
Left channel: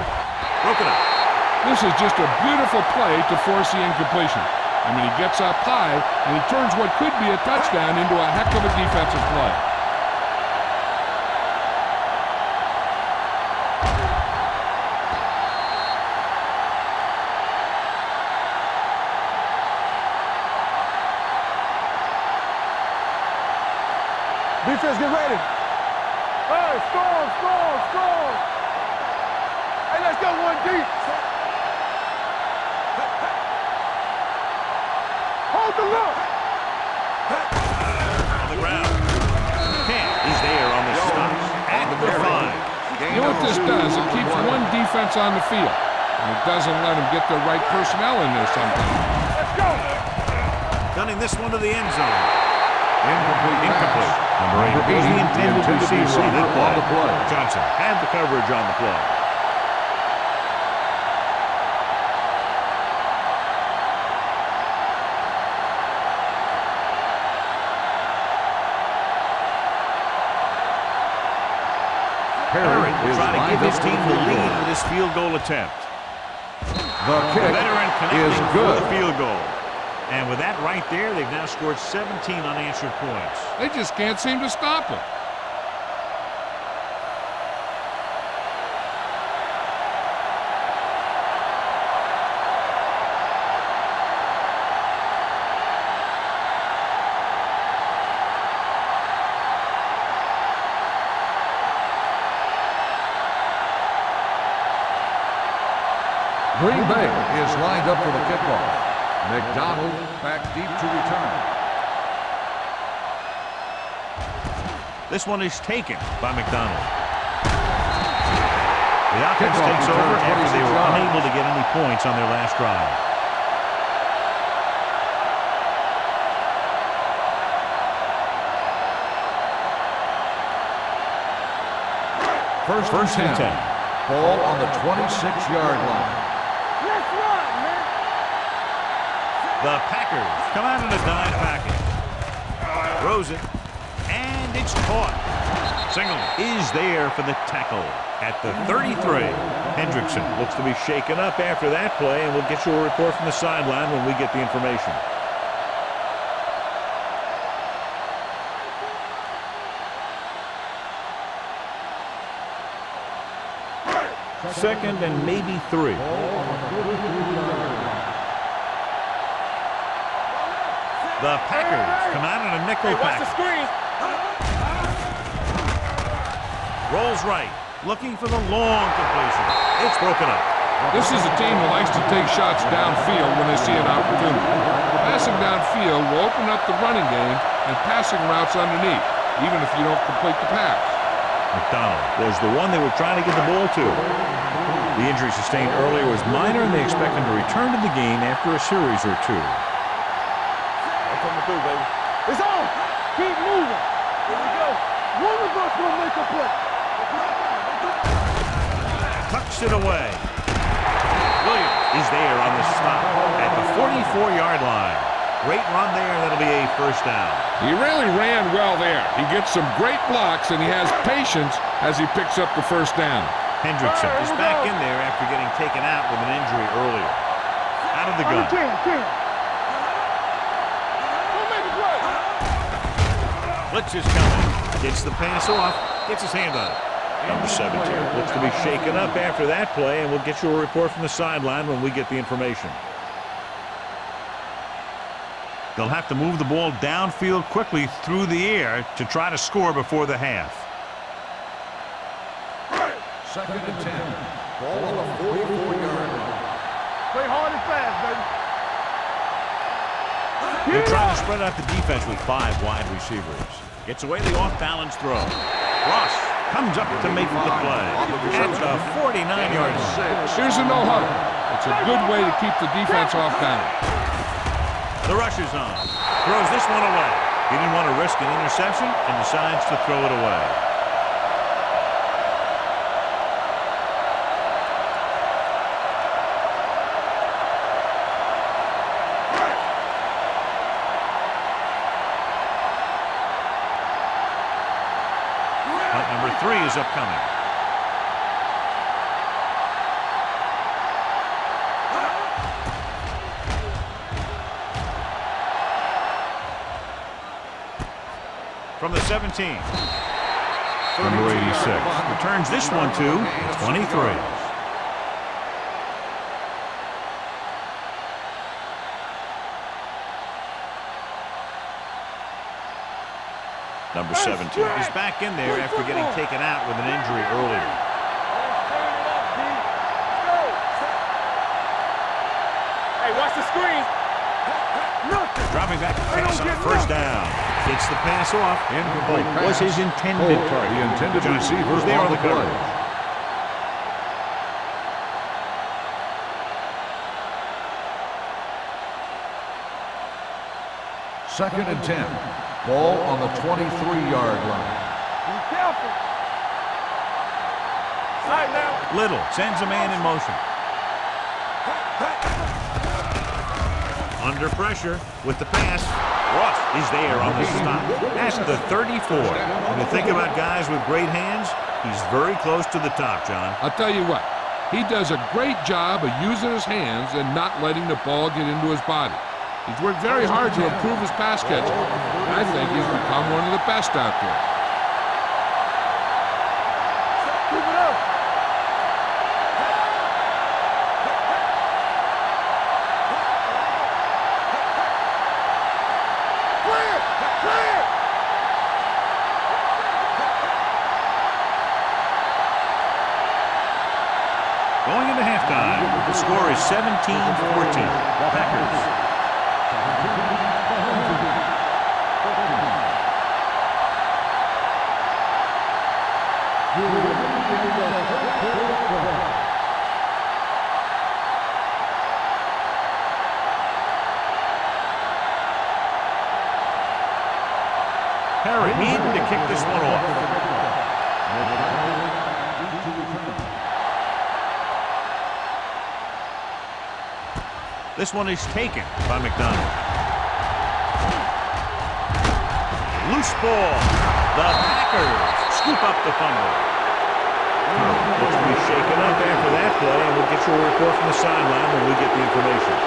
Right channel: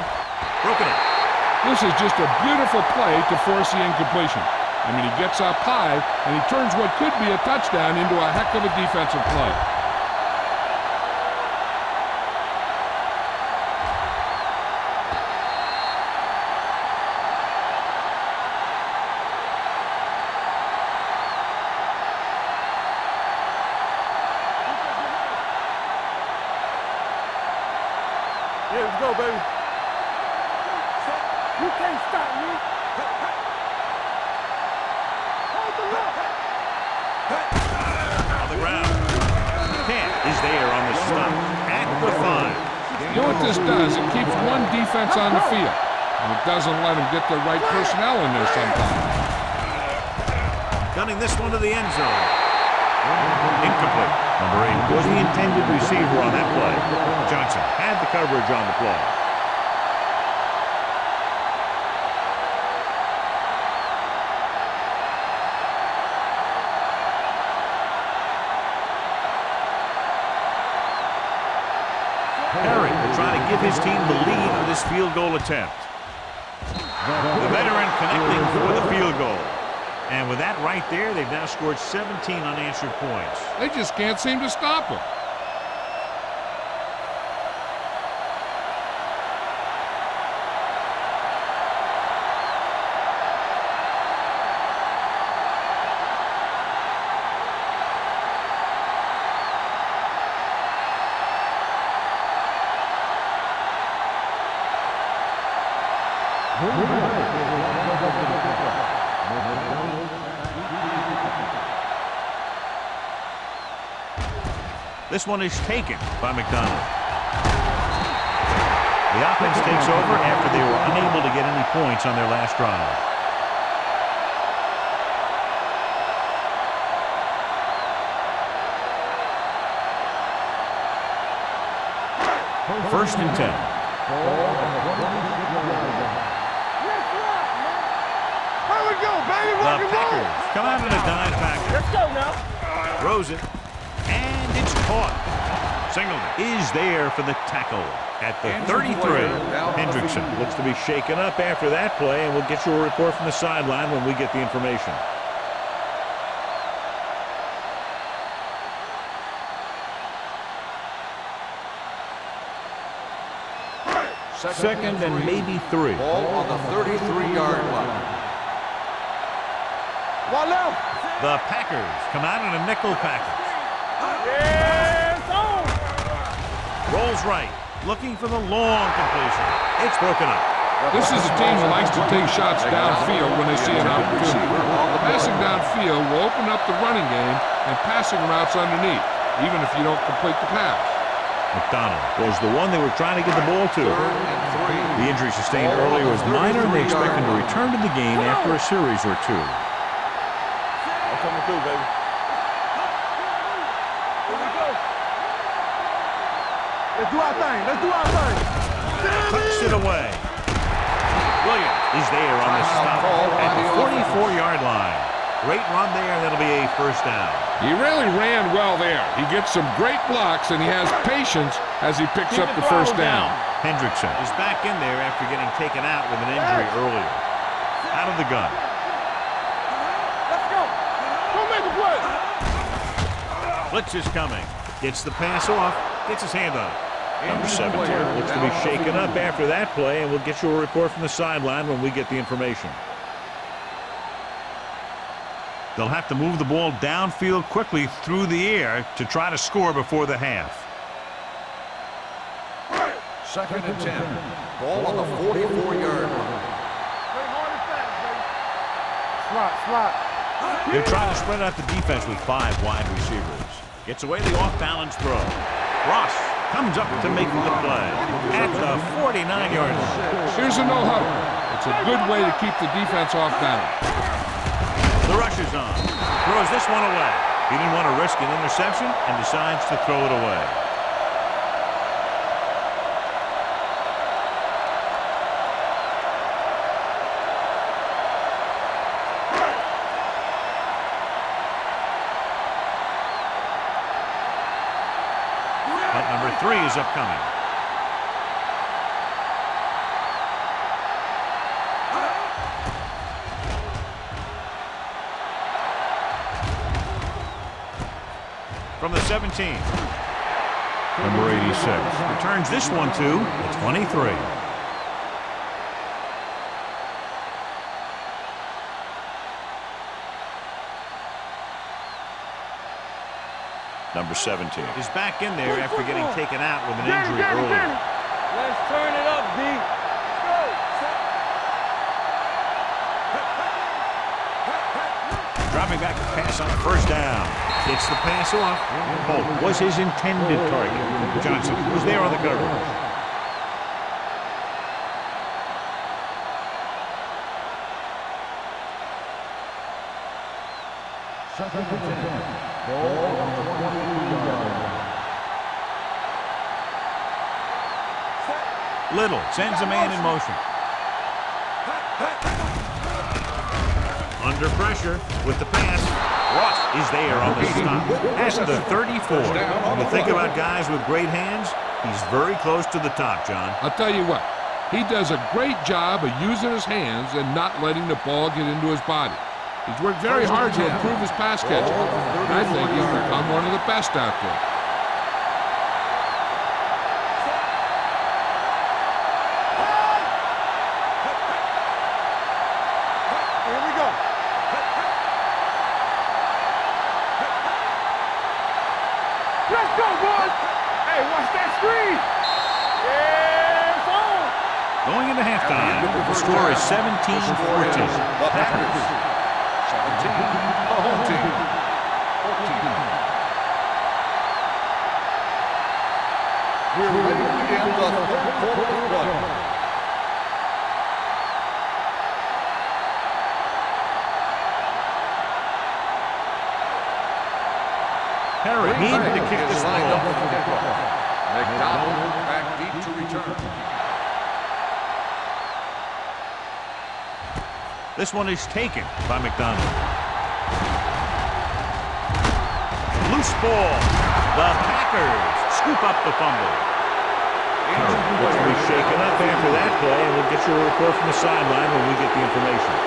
Broken up. This is just a beautiful play to force the incompletion. I mean, he gets up high, and he turns what could be a touchdown into a heck of a defensive play. Defense, get ready. Hey, strong. Yeah, let's go, baby. Hey, let's go 1 deep. Set. You can't stop me. Hold the look. On the ground. Camp is there on the stop at the 5. You know what this does? It keeps one defense on the field, and it doesn't let them get the right personnel in there sometimes. Gunning this one to the end zone. Incomplete. Number 8 was the intended receiver on that play. Johnson had the coverage on the play. Perry will try to give his team the lead with this field goal attempt. The veteran connecting for the field goal. And with that right there, they've now scored 17 unanswered points. They just can't seem to stop him. Green Bay is lined up for the kickoff. McDonald back deep to return. This one is taken by McDonald. The offense takes over after they were unable to get any points on their last drive. First and 10. Ball on the 26-yard line. Let's run, man. Here we go, baby. The Packers come out in a dime package. Throws it, and it's caught. Singleton is there for the tackle at the 33. Hendrickson looks to be shaken up after that play, and we'll get you a report from the sideline when we get the information. Second and maybe 3. Ball on the 33-yard line. One left. The Packers come out in a nickel package. Rolls right, looking for the long completion. It's broken up. This is a team that likes to take shots downfield when they see an opportunity. Passing downfield will open up the running game and passing routes underneath, even if you don't complete the pass. McDonald was the one they were trying to get the ball to. The injury sustained earlier was minor, and they expect him to return to the game after a series or 2. I'm coming through, baby. It's on. Keep moving. Here we go. One of us will make a play. Let's do our thing. Tucks it away. Williams is there on the stop at the 44-yard line. Great run there. That'll be a first down. He really ran well there. He gets some great blocks, and he has patience as he picks up the first down. Hendrickson is back in there after getting taken out with an injury earlier. Out of the gun. Don't make a play. Blitz is coming. Gets the pass off. Gets his hand on it. Number 17 looks to be shaken up after that play, and we'll get you a report from the sideline when we get the information. They'll have to move the ball downfield quickly through the air to try to score before the half. 2nd and 10. Ball on the 44-yard line. Play hard and fast, baby. Slot. They're trying to spread out the defense with 5 wide receivers. Gets away the off-balance throw. Ross comes up to make the play at the 49-yard line. Here's a no-huddle. It's a good way to keep the defense off balance. The rush is on. Throws this one away. He didn't want to risk an interception and decides to throw it away. Punt number 3 is upcoming. From the 17. Number 86 returns this one to the 23. Number 17 is back in there after getting taken out with an injury earlier. Let's turn it up, D. Let's go. Hey, watch the screen. Dropping back to pass on first down. Gets the pass off. Holt was his intended target. Johnson was there on the coverage. Second and 10. Ball on the 23-yard line. Be careful. Side now. Little sends a man in motion. Under pressure with the pass. Ross is there on the stop at the 34. When you think about guys with great hands, he's very close to the top, John. I'll tell you what, he does a great job of using his hands and not letting the ball get into his body. He's worked very hard to improve his pass catching. I think he's become one of the best out there. Keep it up. Here we go. Let's go, boys. Hey, watch that screen. Yeah, it's on. Going into halftime, the score is 17-14. Packers. 17, the home team. 14. We're in the home quarter. Perry needing to kick this one off. McDonald back deep to return. This one is taken by McDonald. Loose ball. The Packers scoop up the fumble. Perry looks to be shaken up after that play, and we'll get you a report from the sideline when we get the information.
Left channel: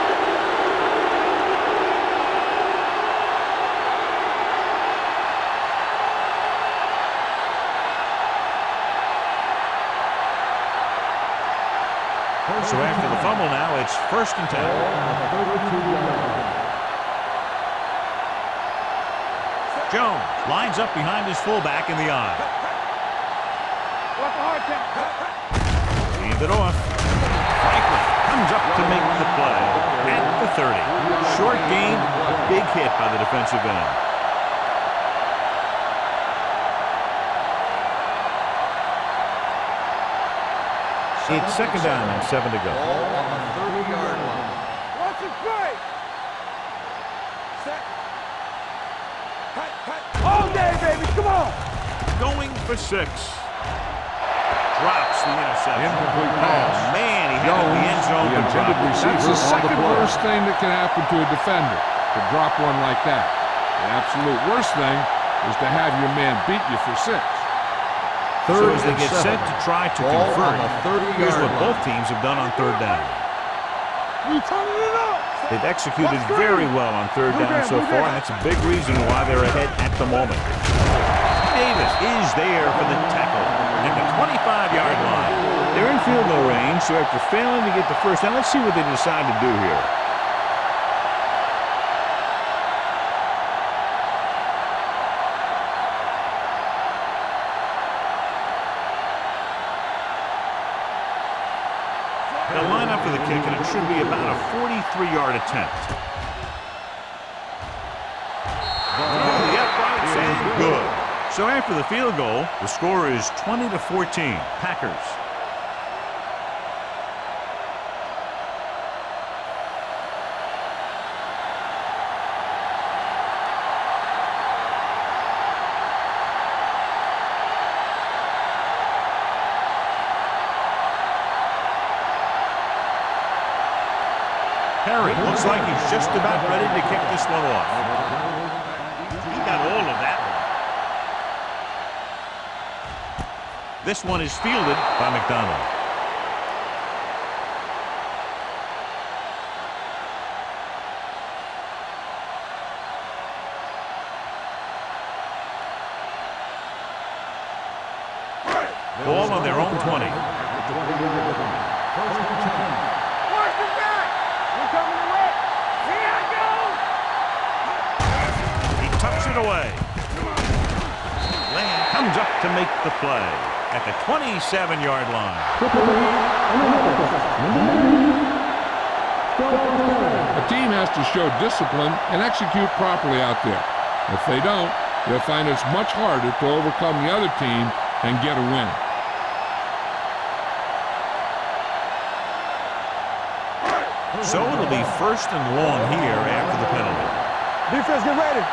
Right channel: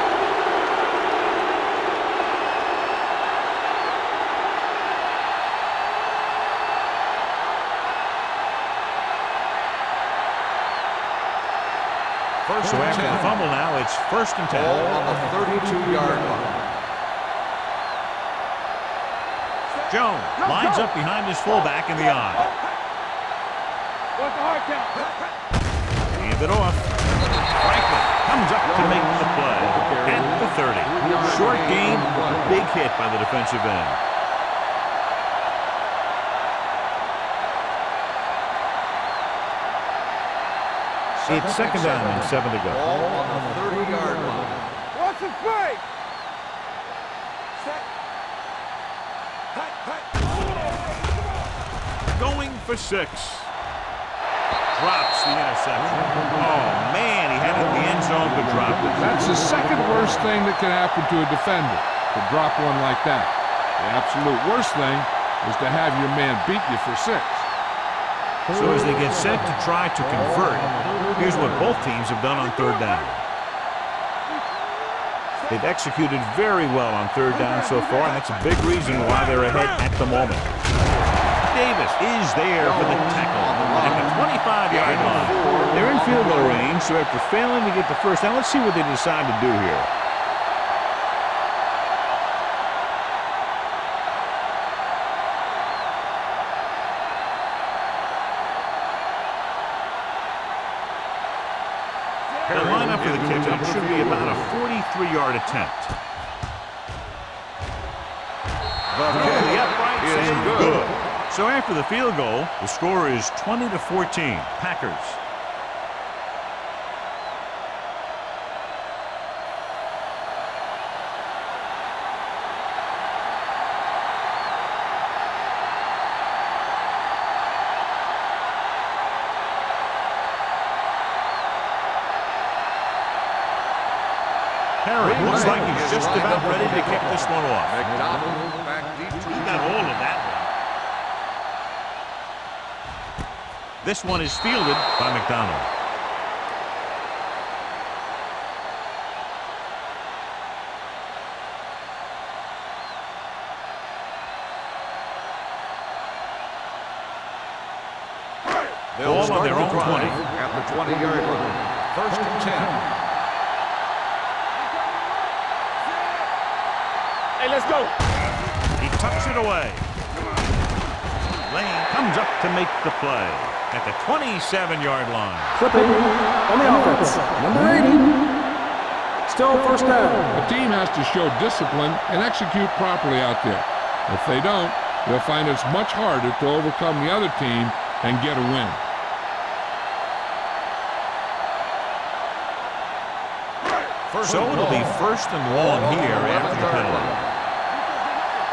So after the fumble now, it's 1st and 10. Ball on the 32-yard line. Jones lines up behind his fullback in the I. Watch the hard count. Hand it off. Franklin comes up to make the play at the 30. Short gain, big hit by the defensive end. It's 2nd down and 7 to go. Ball on the 30-yard line. Watch the play. Set. Hold that, baby. Come on. Going for 6. drops the interception. Oh, man, he had it in the end zone but dropped it. That's the second worst thing that can happen to a defender, to drop one like that. The absolute worst thing is to have your man beat you for 6. So as they get set to try to convert, here's what both teams have done on third down. They've executed very well on third down so far, and that's a big reason why they're ahead at the moment. Davis is there for the tackle at the 25-yard line. They're in field goal range, so after failing to get the first down, let's see what they decide to do here. They'll line up for the kick, and it should be about a 43-yard attempt. Through the uprights and good. So after the field goal, the score is 20-14, Packers. Perry looks like he's just about ready to kick this one off. He got all of that one. This one is fielded by McDonald. Ball on their own 20. At the 20-yard line. 1st and 10. He tucks it away. Lane comes up to make the play at the 27-yard line. Flipping on the offense. Number 80. Still first down. A team has to show discipline and execute properly out there. If they don't, they'll find it's much harder to overcome the other team and get a win. So it'll be 1st and long here after the penalty. Defense, get ready.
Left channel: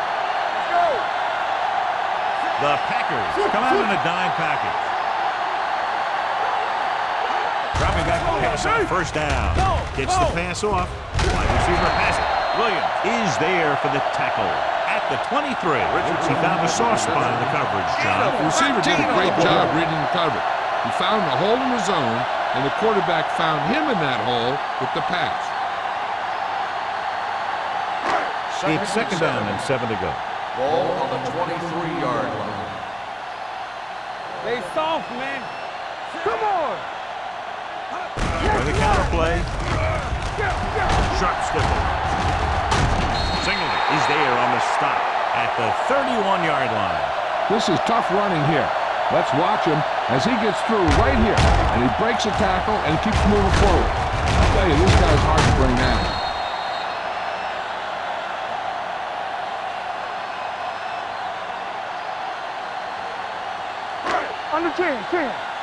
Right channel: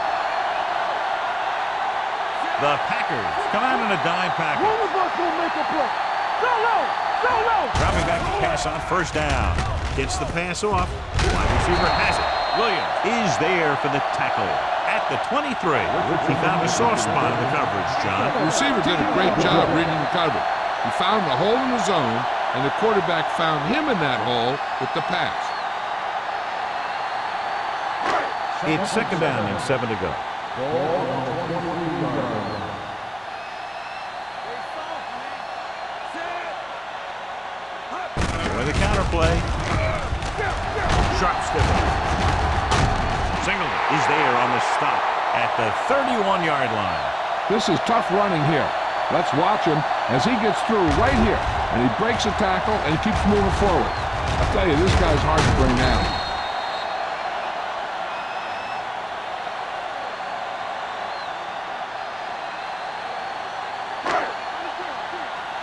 The Packers come out in a dime package. Dropping back to pass on 1st down. Gets the pass off. Wide receiver has it. Williams is there for the tackle at the 23. He found a soft spot in the coverage, John. The receiver did a great job reading the coverage. He found a hole in the zone, and the quarterback found him in that hole with the pass. It's 2nd down and 7 to go. Ball on the 23-yard line. They soft, man. Come on. With a counter play. Sharp stifle. Singleton is there on the stop at the 31-yard line. This is tough running here. Let's watch him as he gets through right here, and he breaks a tackle and he keeps moving forward. I tell you, this guy's hard to bring down.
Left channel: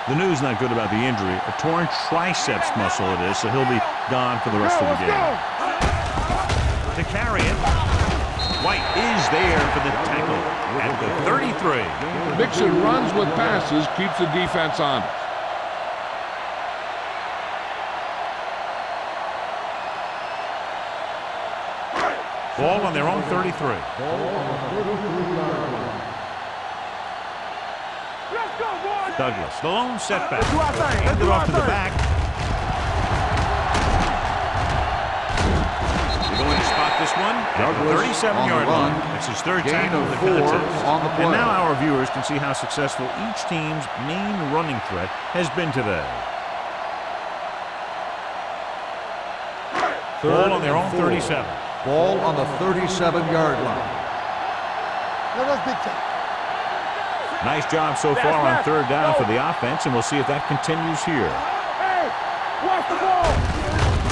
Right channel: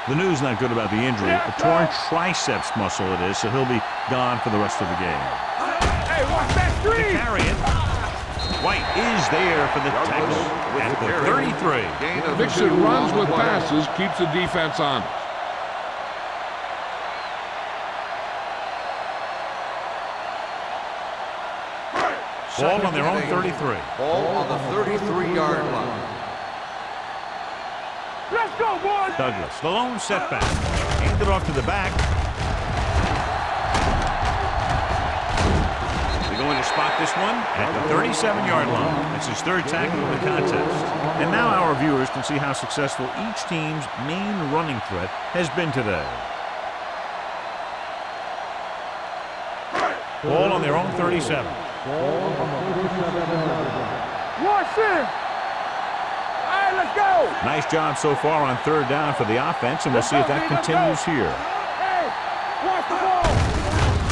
The news not good about the injury. A torn triceps muscle it is, so he'll be gone for the rest of the game. To carry it, White is there for the tackle at the 33. Mixon runs with passes, keeps the defense honest. Ball on their own 33. Ball on the 33-yard line. Let's go, boys. Douglas, the lone setback. Handed off to the back. They're going to spot this one at the 37-yard line. That's his 3rd tackle of the contest. And now our viewers can see how successful each team's main running threat has been today. Ball on their own 37. Ball on the 37-yard line. Nice job so far on 3rd down for the offense, and we'll see if that continues here. Hey, watch the ball.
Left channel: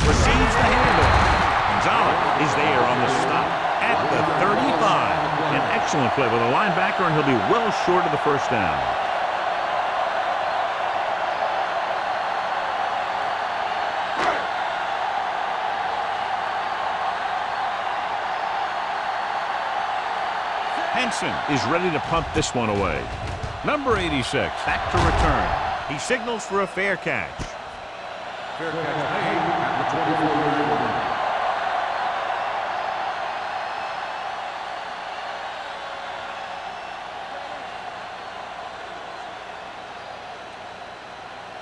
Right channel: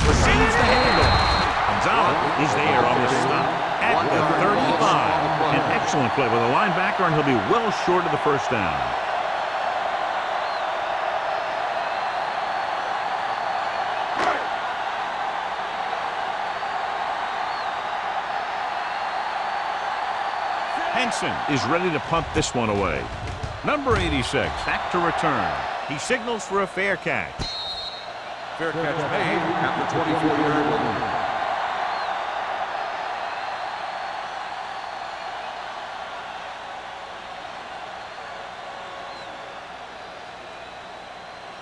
Receives the handoff. Gonzalez is there on the stop at the 35. An excellent play with a linebacker, and he'll be well short of the 1st down. Henson is ready to punt this one away. Number 86 back to return. He signals for a fair catch. Fair catch made at the 24-yard line.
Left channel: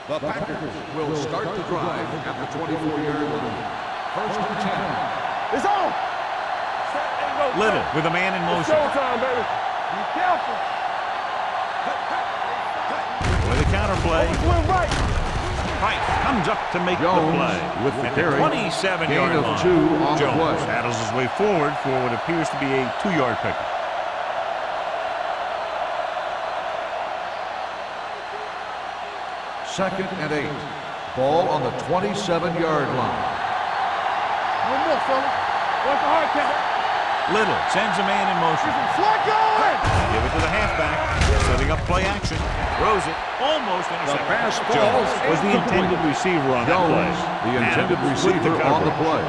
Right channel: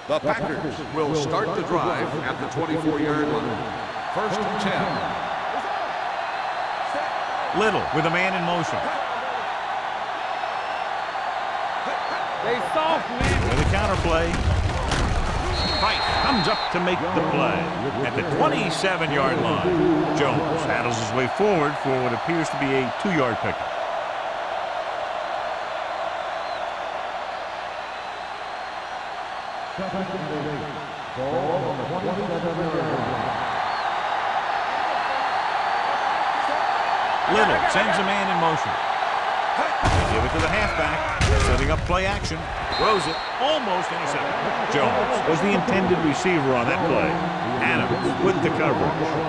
The Packers will start the drive at the 24-yard line. 1st and 10. It's on. Set and go. Little with a man in motion. Time, baby. Be careful. They soft, man. With a counter play. One right. Price comes up to make the Jones play. with the At the carry. 27-yard Gain of line. 2 on the Jones play. paddles his way forward for what appears to be a 2-yard pickup. Second and 8. Ball on the 27-yard line. One more, fella. What's the hard catch? Little sends a man in motion. Flacco! They give it to the halfback. Setting up play action. Throws it. Almost intercepted. fastball Jones was the intended receiver on that play. The intended Adams with the receiver on the coverage. play.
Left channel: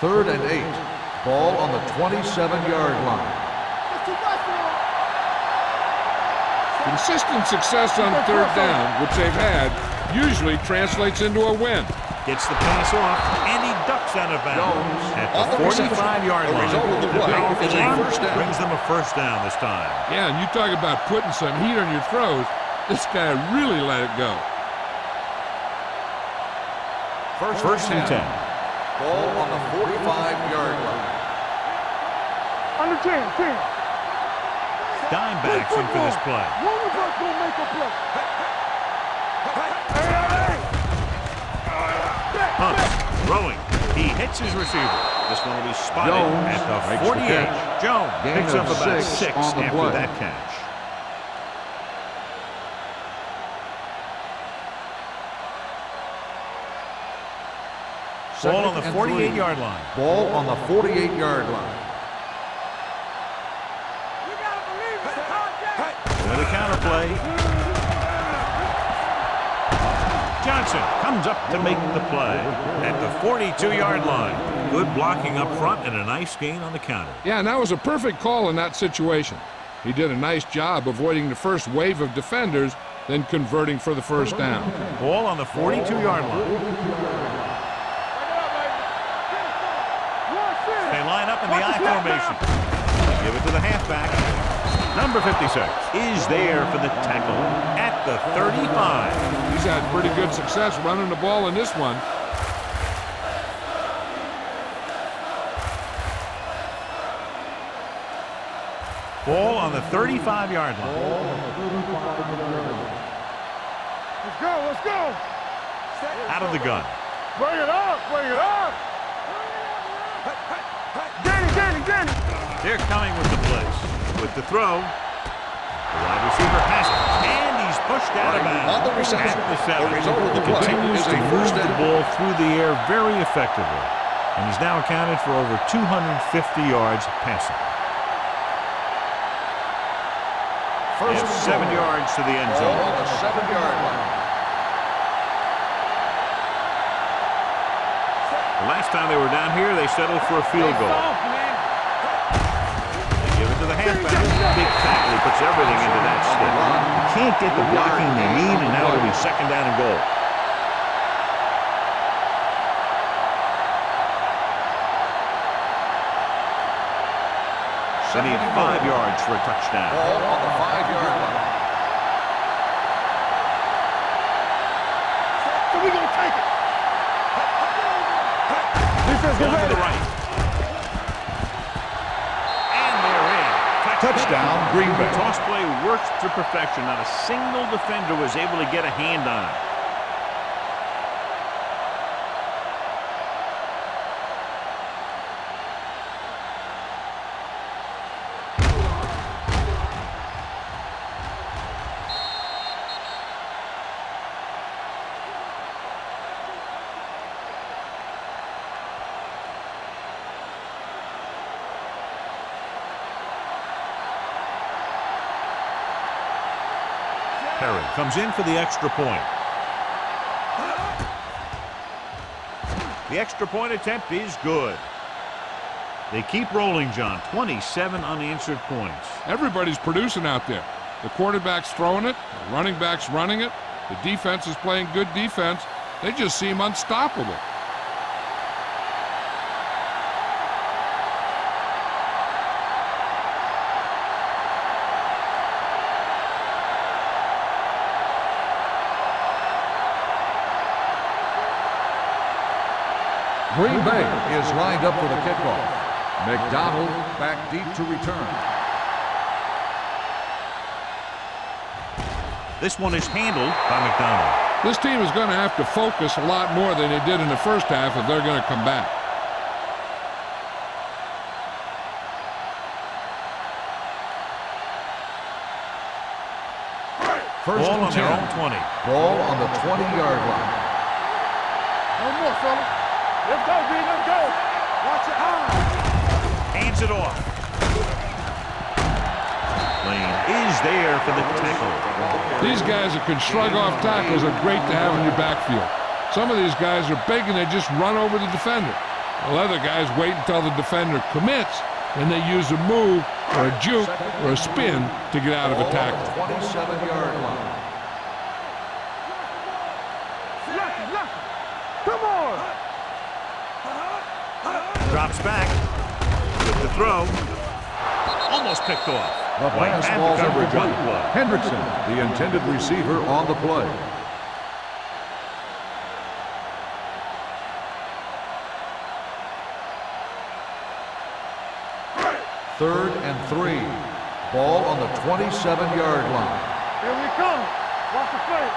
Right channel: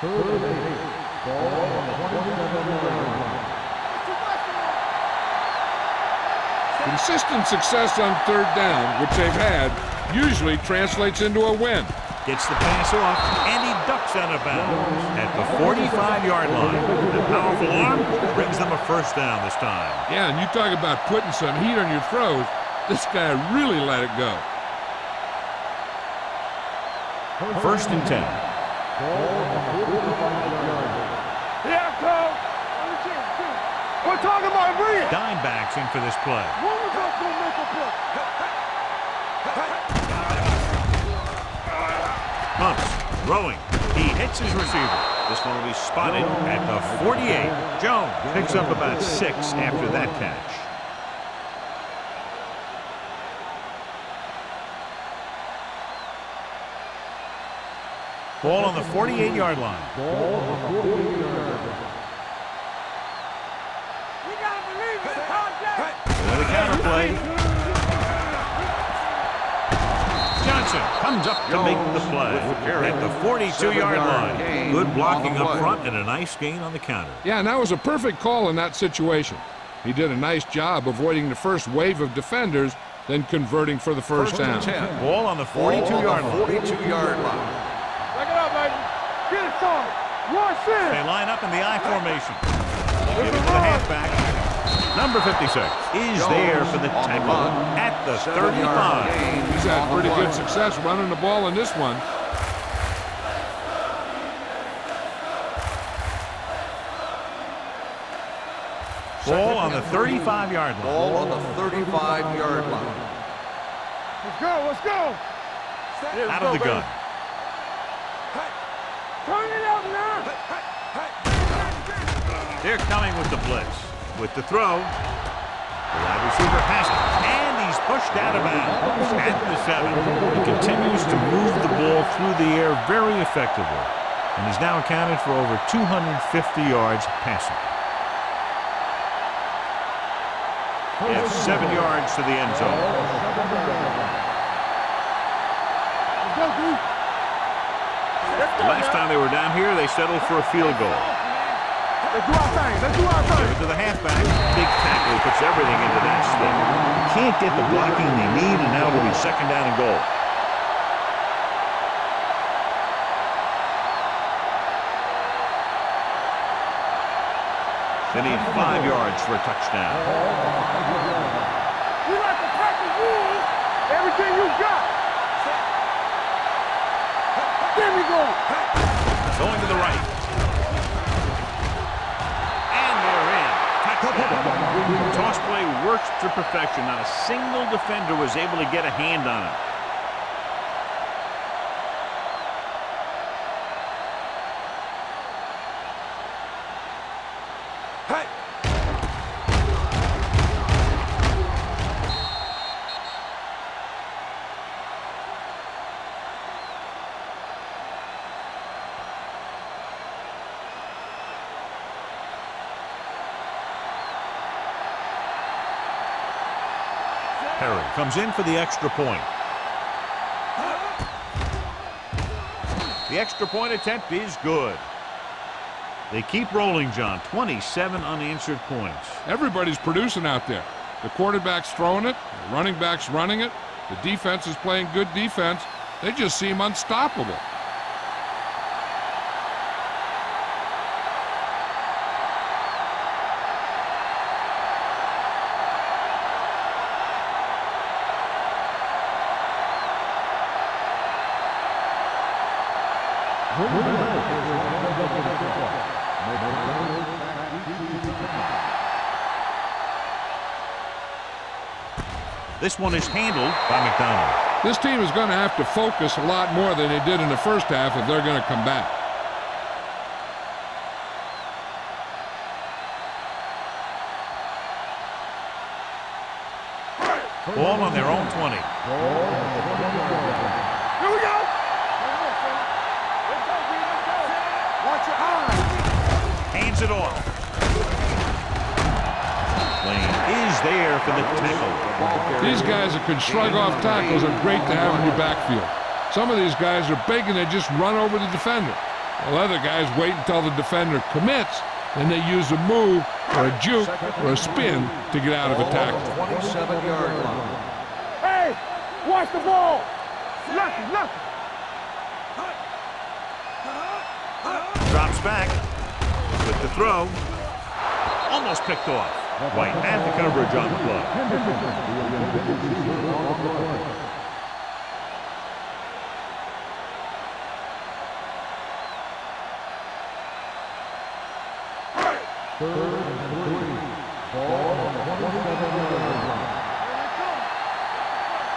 Third and 8. Ball on the 27-yard line. That's too much for him. Consistent success on 3rd down, which they've had, usually translates into a win. Gets the pass off, and he ducks out of bounds. At the 45-yard line, the powerful arm brings them a 1st down this time. Yeah, and you talk about putting some heat on your throws. This guy really let it go. 1st and 10. Ball on the 45-yard line. Yeah, Cole. Under 10. We're talking about real. Dime backs in for this play. One of us gonna make a play. Hunt throwing. He hits his receiver. This one will be spotted Jones at the makes the 48. catch. Jones Gain picks of up about 6 6 on the after play. that catch. Ball on the 48-yard line. Ball on the 48-yard line. You gotta believe it. It's hard game. With a counter play. Johnson comes up to make the play at the 42-yard line. Good blocking up front and a nice gain on the counter. Yeah, and that was a perfect call in that situation. He did a nice job avoiding the first wave of defenders, then converting for the 1st down. Ball on the 42-yard line. 42-yard line. Back it up, baby. Get it started. One sit. They line up in the I formation. Give it to the halfback. Number 56 is there for the tackle at the 35. He's had pretty good success running the ball in this one. Ball on the 35-yard line. Ball on the 35-yard line. Let's go. Out of the gun. Bring it up. Turn it up now. Danny. They're coming with the blitz. With the throw, the wide receiver has it, and he's pushed out of bounds at the 7. He continues to move the ball through the air very effectively, and he's now accounted for over 250 yards passing. They have 7 yards to the end Ball zone. on the 7-yard line. The last time they were down here, they settled for a field goal. Give it to the halfback. Big tackle. He puts everything into that stick. Can't get the blocking they need, and now it'll be 2nd down and goal. They need 5 yards for a touchdown. Ball on the 5-yard line. You like to practice rules. Everything you got. So we gonna take it. There we go. Going to the right. And they're in. Touchdown, Green Bay. Toss play works to perfection. Not a single defender was able to get a hand on it. Perry comes in for the extra point. The extra point attempt is good. They keep rolling, John. 27 unanswered points. Everybody's producing out there. The quarterback's throwing it, the running back's running it, the defense is playing good defense. They just seem unstoppable. Green Bay is lined up for the kickoff. McDonald back deep to return. This one is handled by McDonald. This team is going to have to focus a lot more than they did in the first half if they're going to come back. Ball on their own 20. Ball on the 20-yard line. Here we go. No more, fella. Let's go, B. Let's go. Watch your eyes. Hands it off. Lane is there for the tackle. These guys that can shrug off tackles are great to have in your backfield. Some of these guys are big and they just run over the defender. While other guys wait until the defender commits, and they use a move or a juke or a spin to get out of a tackle. 27-yard line. Hey, watch the ball. Lucky, lucky. Come on. Drops back with the throw. Almost picked off. White had the coverage on the play. Hendrickson, the intended receiver, on the play. Third and 3. Ball on the 27-yard line. Here we come. Watch the play.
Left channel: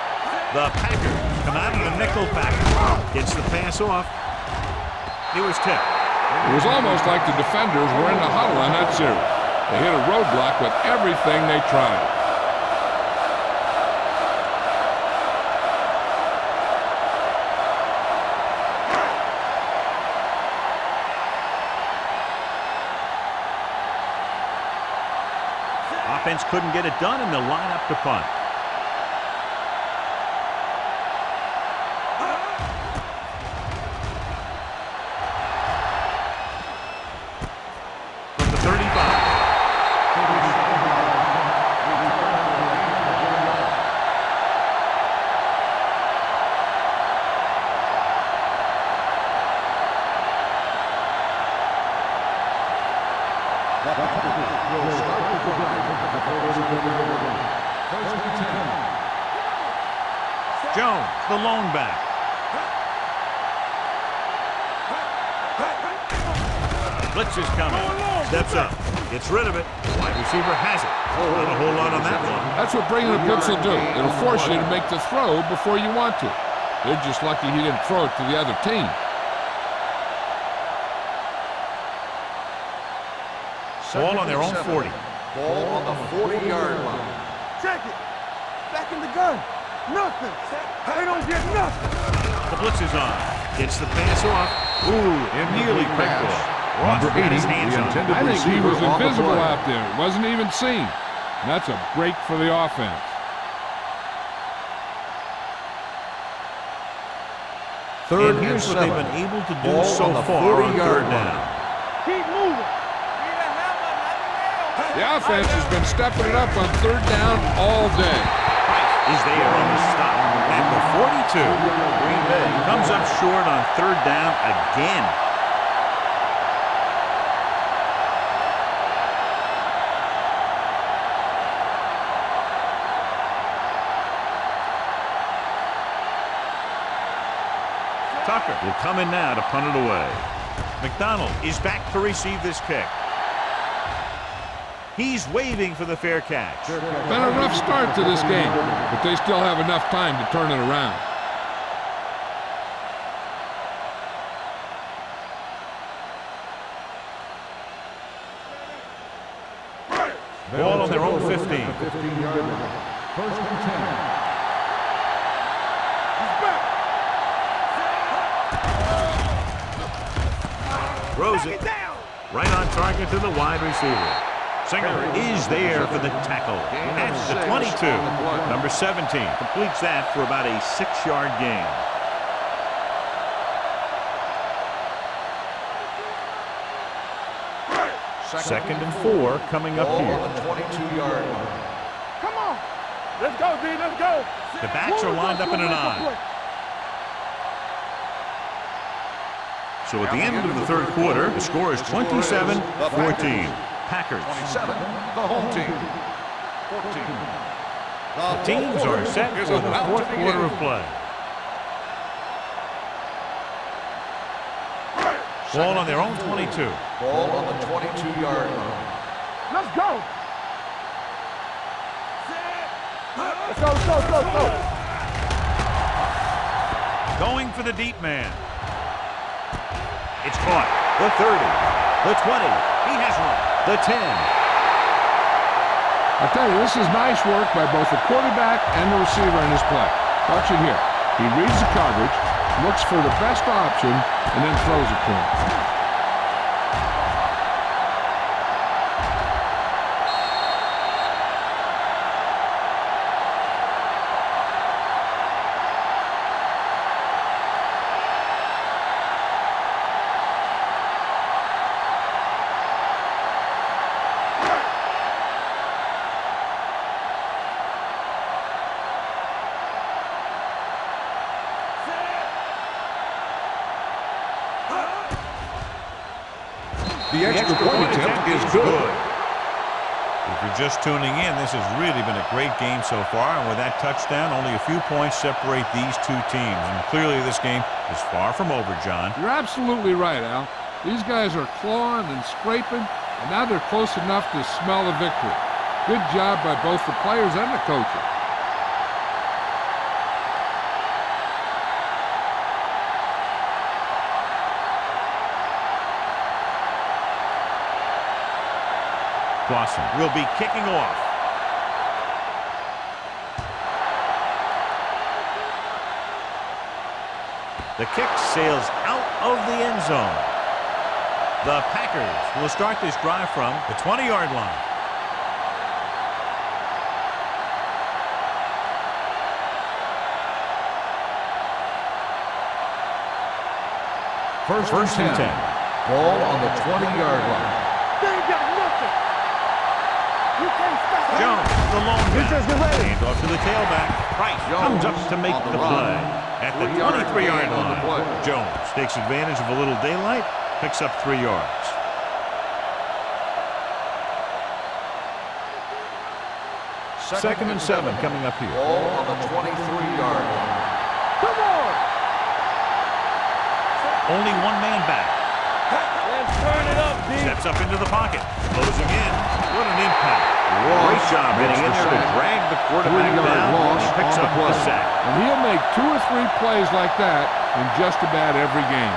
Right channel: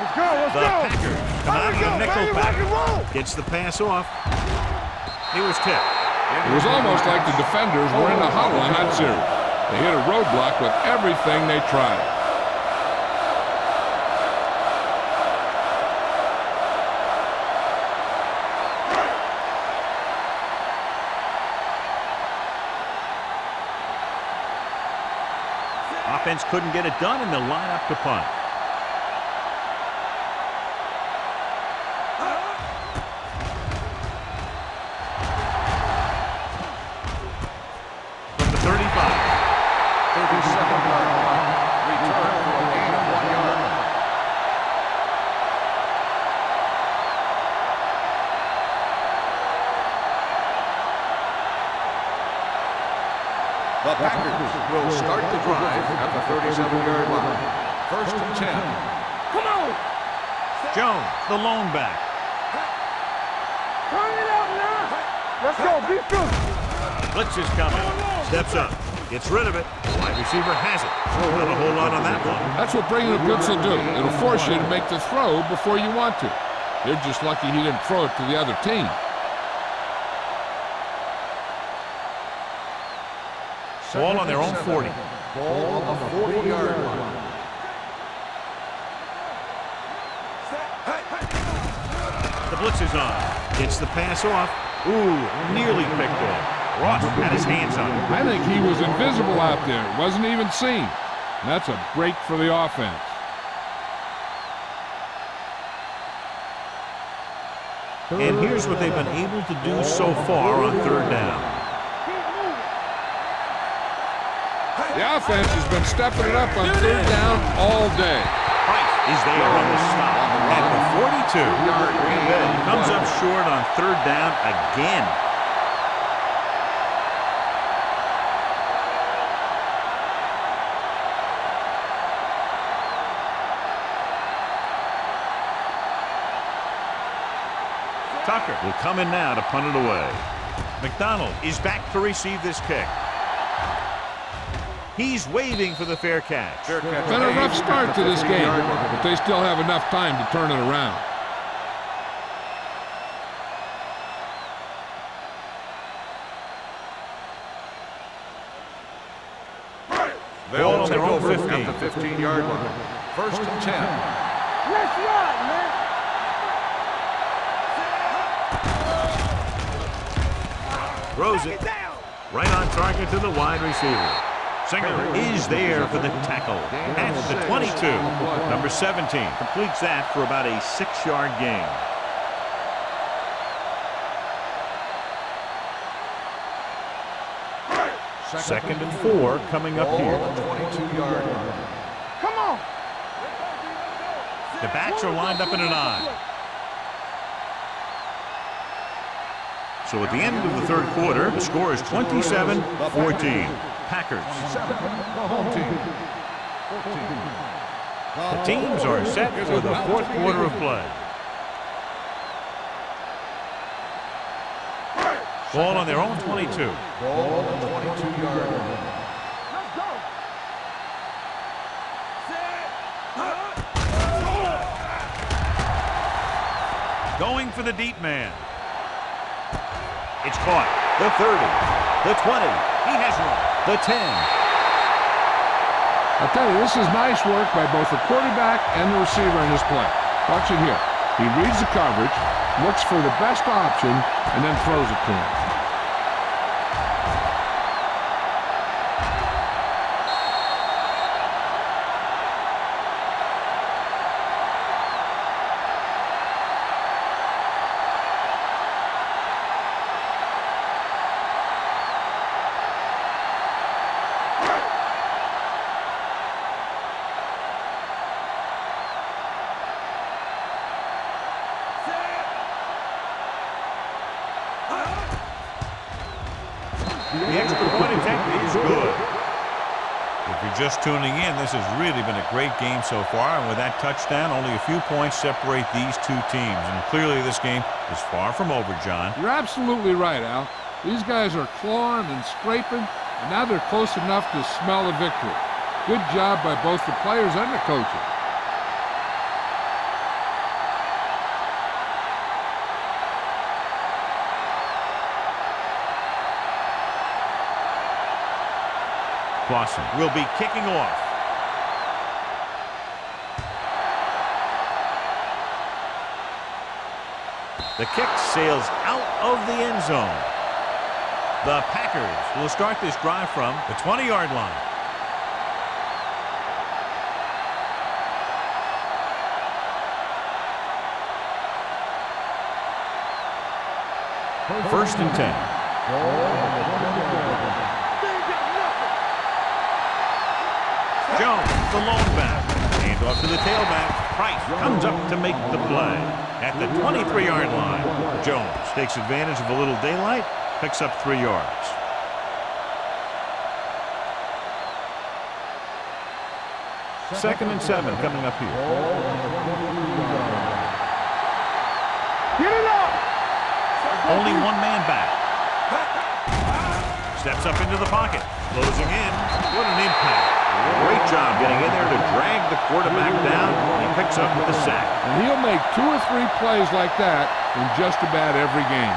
Let's go. Let's The go. Packers come out of the nickel package. Gets the pass off. He was tipped. It was almost like the defenders were in the huddle on that series. They hit a roadblock with everything they tried. Offense couldn't get it done, and they'll line up to punt. From the 35. 37-yard punt. Return for a gain of 1 yard. The Packers will start the drive at the 37-yard line. First and 10. Come on. Jones, the lone back. Turn it up now. Let's go. Be good. Blitz is coming. Steps up. Gets rid of it. The wide receiver has it. Not a whole lot on that one. That's what bringing a blitz will do. It'll force you to make the throw before you want to. They're just lucky he didn't throw it to the other team. Ball on their own 40. Ball on the 40-yard line. Check it. Back in the gun. Nothing. They don't get nothing. The blitz is on. Gets the pass off. Ooh, nearly picked off. Ross had his hands on it. I think he was invisible out there. Wasn't even seen. And that's a break for the offense. And here's what they've been able to do so far on third down. Keep moving. The offense has been stepping it up on third down all day. Price is there on the stop at the 42. Green Bay comes up short on third down again. Tucker will come in now to punt it away. McDonald is back to receive this kick. He's waving for the fair catch. Been a rough start to this game, but they still have enough time to turn it around. Ball on their own 15. 15-yard line. First and 10. Let's ride, man. He's back. Throws it right on target to the wide receiver. Singer is there for the tackle at the 22. Number 17 completes that for about a 6-yard gain. Second and 4 coming up Ball here. on the 22-yard line. Come on. Let's go, B. Let's go. The backs are lined up in an I. So at the end of the third quarter, the score is 27-14. Packers. 27, the home team. 14. The teams are set for the fourth quarter of play. Ball on their own 22. Ball on the 22-yard line. Let's go. Let's go, let's go, let's go. Going for the deep man. It's caught. The 30. The 20. He has room. The 10. I'll tell you, this is nice work by both the quarterback and the receiver in this play. Watch it here. He reads the coverage, looks for the best option, and then throws it to him. The extra point attempt is good. If you're just tuning in, this has really been a great game so far, and with that touchdown, only a few points separate these two teams. And clearly this game is far from over, John. You're absolutely right, Al. These guys are clawing and scraping, and now they're close enough to smell a victory. Good job by both the players and the coaches. Clausen will be kicking off. The kick sails out of the end zone. The Packers will start this drive from the 20-yard line. First and 10. Ball on the 20-yard line. They ain't got nothing. You can't stop. Jones, the lone back. Hand off to the tailback. Price comes up to make the play at the 23-yard line. Jones takes advantage of a little daylight, picks up 3 yards. Second and 7 coming up here. Ball on the 23-yard line. Come on. Get it up. Only one man back. Steps up into the pocket. Closing in. What an impact. Great job getting in there to drag the quarterback down. He picks up the sack. And he'll make 2 or 3 plays like that in just about every game.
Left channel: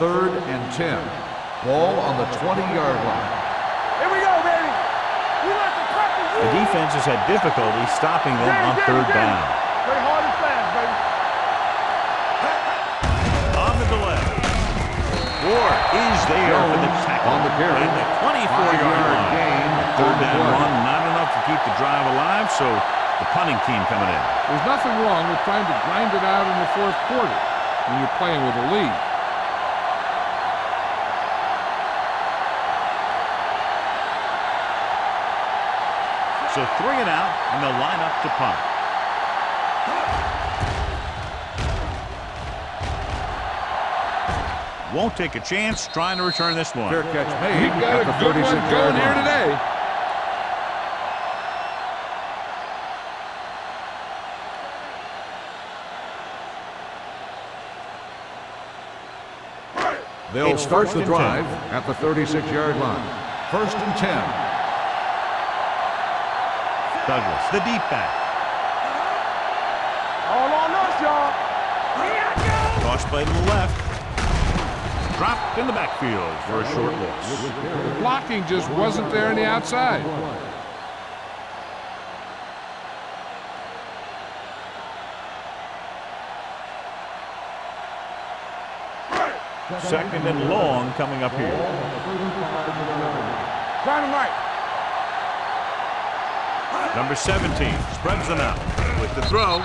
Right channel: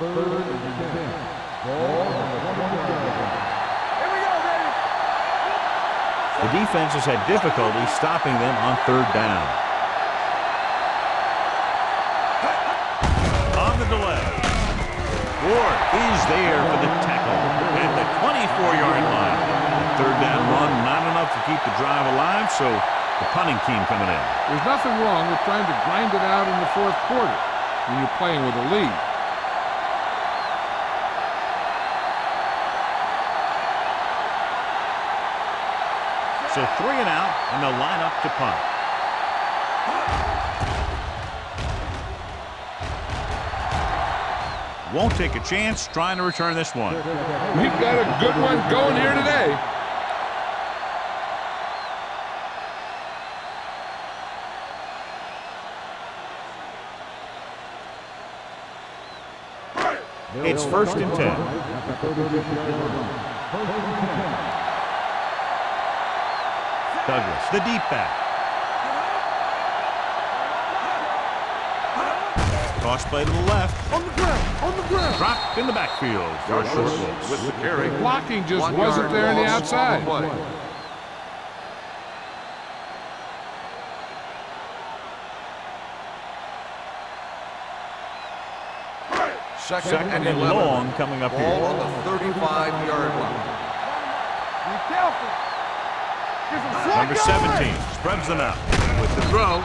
Third and 10. Ball on the 20-yard line. Here we go, baby. We like the purple. The defense has had difficulty stopping them on third down. Play hard and fast, baby. On the delay. Ward is there for the tackle at the 24-yard line. The third down run not enough to keep the drive alive, so the punting team coming in. There's nothing wrong with trying to grind it out in the fourth quarter when you're playing with a lead. So 3 and out, and they'll line up to punt. Won't take a chance trying to return this one. Fair catch made. You've got a good one going here today. They'll It's start first the and drive 10. at the 36-yard line. First and 10. Douglas, the deep back. All on us, y'all. Toss play to the left. On the ground. Dropped in the backfield for a short loss. With the carry. Blocking just wasn't there on the outside. Second and long coming up Ball here. on the 35-yard line. Run him right. Be careful. Number 17 spreads them out with the throw.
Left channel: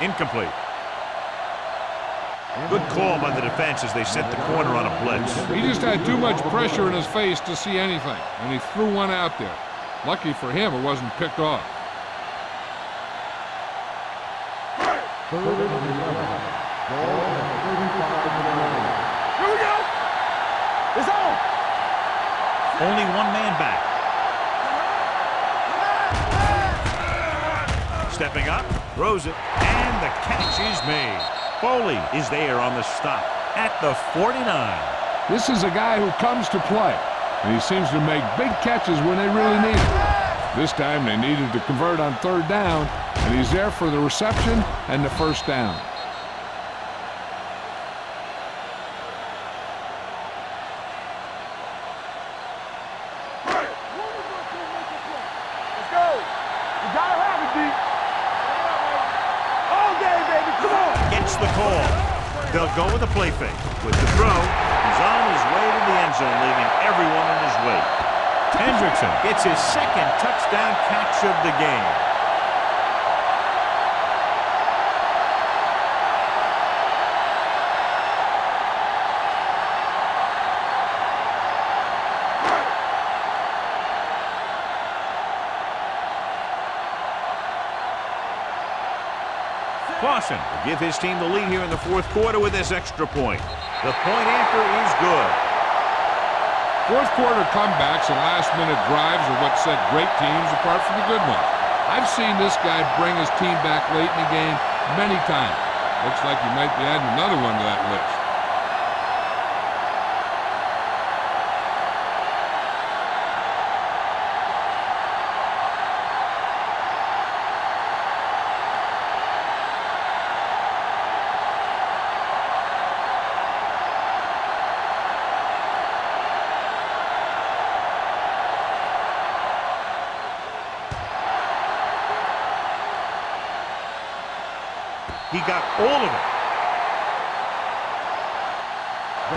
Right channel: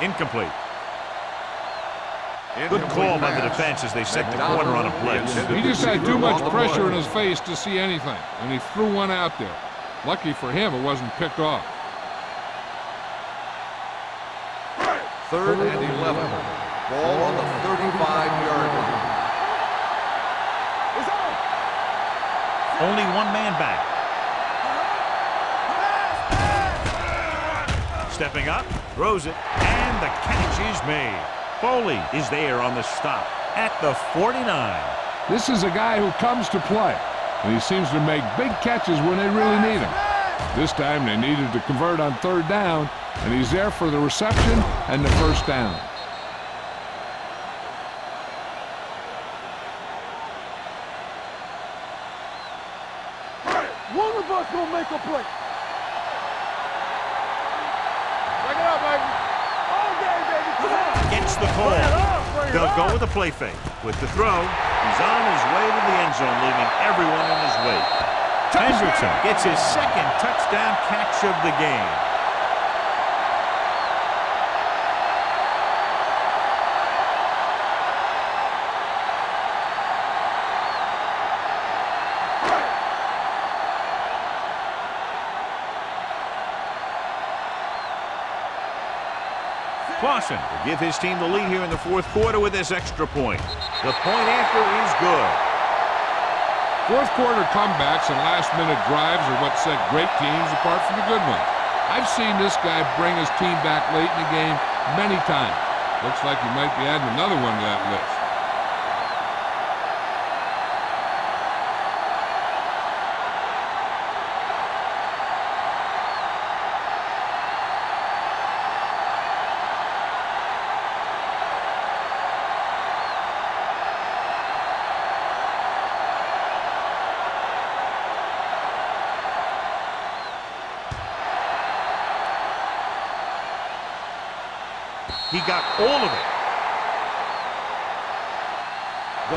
Incomplete. Good call by the defense as they set the corner on a blitz. He just had too much pressure in his face to see anything, and he threw one out there. Lucky for him, it wasn't picked off. 3rd and 11. Ball on the 35-yard line. Here we go. It's on. Only one man back. Stepping up, throws it, and the catch is made. Foley is there on the stop at the 49. This is a guy who comes to play, and he seems to make big catches when they really need him. This time they needed to convert on 3rd down, and he's there for the reception and the 1st down. One of us gonna make a play. Let's go. We gotta have it, D. Break it up, baby. All day, baby. Come on. Gets the call. They'll go with a play fake. With the throw, he's on his way to the end zone, leaving everyone in his wake. Hendrickson gets his 2nd touchdown catch of the game. Clausen will give his team the lead here in the 4th quarter with this extra point. The point after is good. 4th quarter comebacks and last-minute drives are what set great teams apart from the good ones. I've seen this guy bring his team back late in the game many times. Looks like he might be adding another one to that list. He got all of it.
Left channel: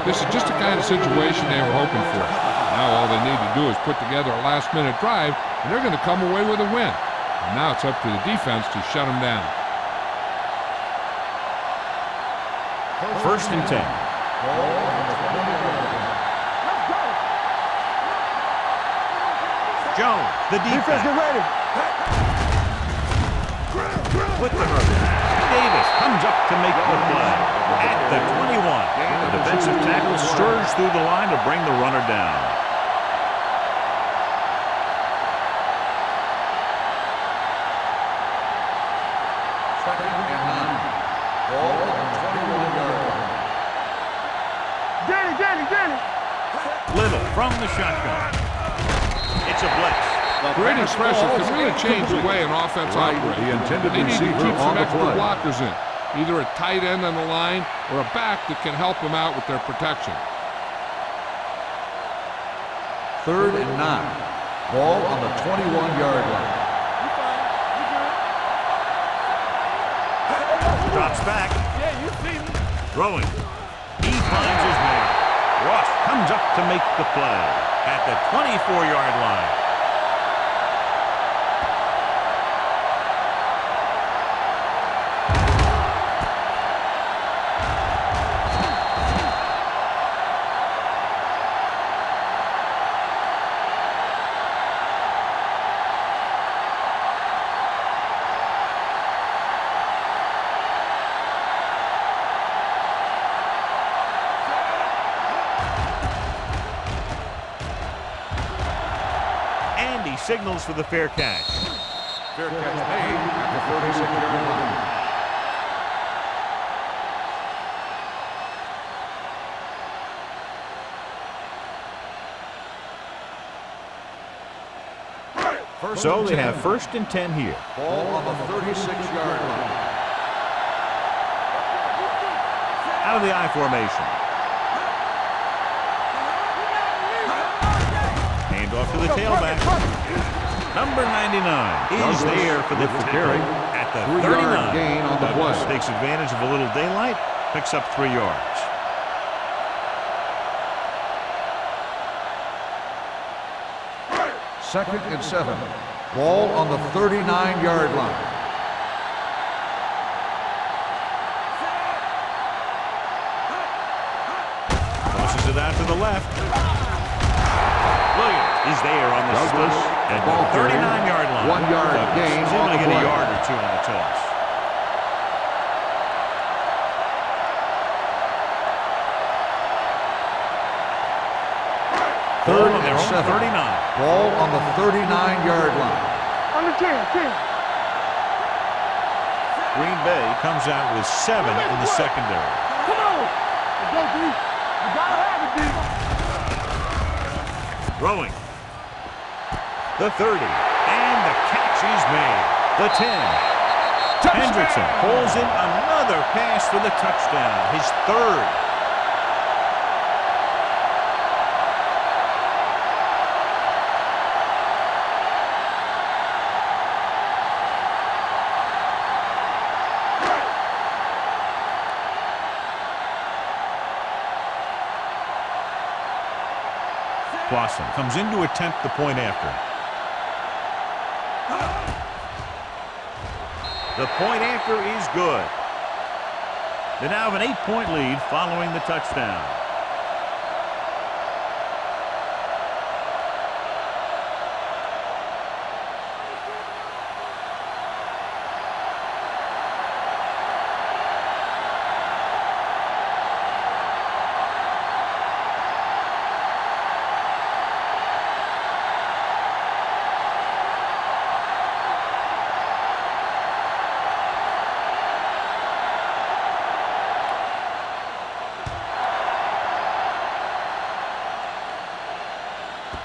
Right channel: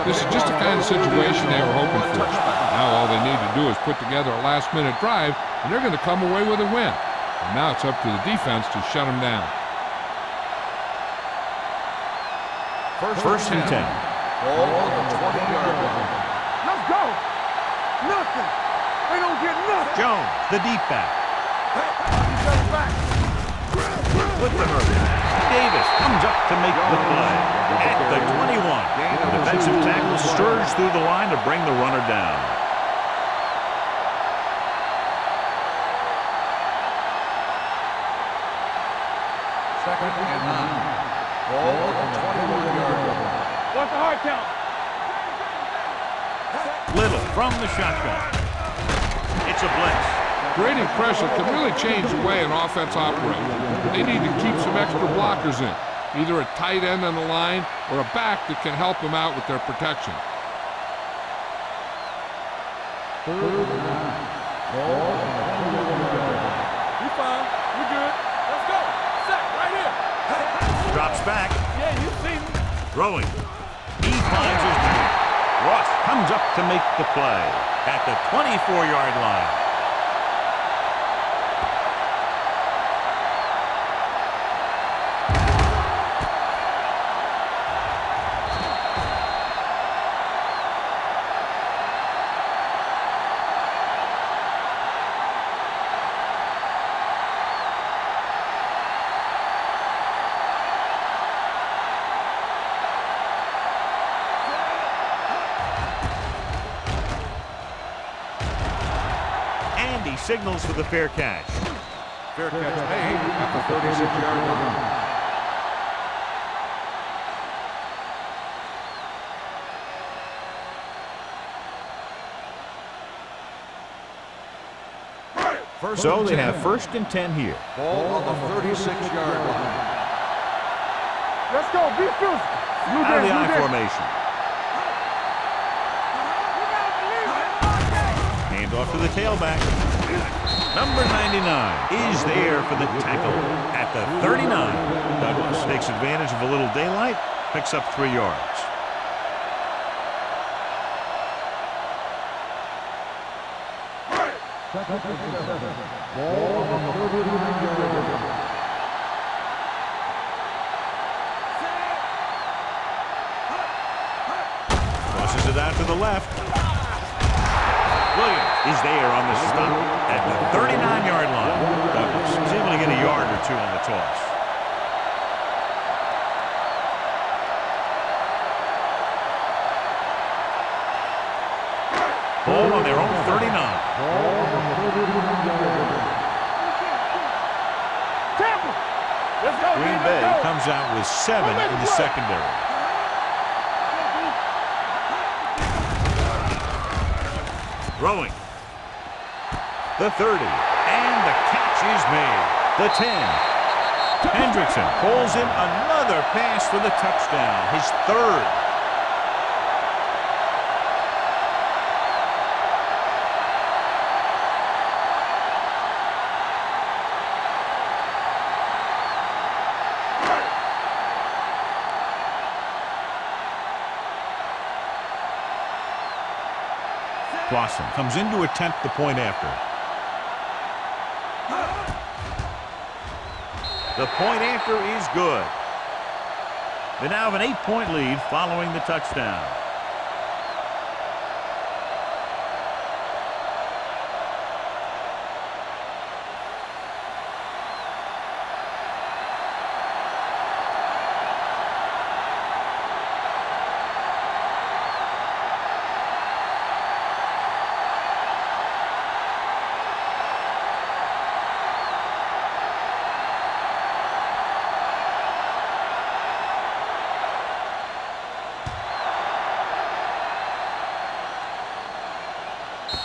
This is just the kind of situation they were hoping for. Now all they need to do is put together a last-minute drive, and they're going to come away with a win. And now it's up to the defense to shut them down. 1st and 10. Ball on the 20-yard line. Let's go. Nothing. They don't get nothing. Jones, the deep Defense, get back, ready. with the hurdle. Davis comes up to make the play at the 21. The defensive tackle surged through the line to bring the runner down. Second and 9. Ball on the 21-yard line. What's the hard count? Danny. Little from the shotgun. It's a blitz. Creating pressure can really change the way an offense operates. They need to keep some extra blockers in, either a tight end on the line or a back that can help them out with their protection. 3rd and 9. Ball on the 21-yard line. You fine. You good. Let's go. Set right here. Drops back. Yeah, you see me. Throwing. He finds his man. Ross comes up to make the play at the 24-yard line. And he signals for the fair catch. Fair catch made at the 36-yard line. So they have 1st and 10 here. Ball on the 36-yard line. Let's go. Defense. Out of the I formation. Hand off to the tailback. Number 99 is there for the tackle at the 39. Douglas takes advantage of a little daylight, picks up 3 yards. 2nd and 7. Ball on the 39-yard line. Tosses it out to the left. Williams is there on the stop at the 39-yard line. 1 yard Douglas gain is able to on get the a play. yard or two on the toss. Ball on their own 39. Ball on the 39-yard line. On the 10. Tampa. Green Bay comes out with 7 in the secondary. Come on. Let's go, D. You gotta have it, D. Throwing. The 30. And the catch is made. The 10. Hendrickson pulls in another pass for the touchdown. His 3rd. Clausen comes in to attempt the point after. The point after is good. They now have an 8-point lead following the touchdown.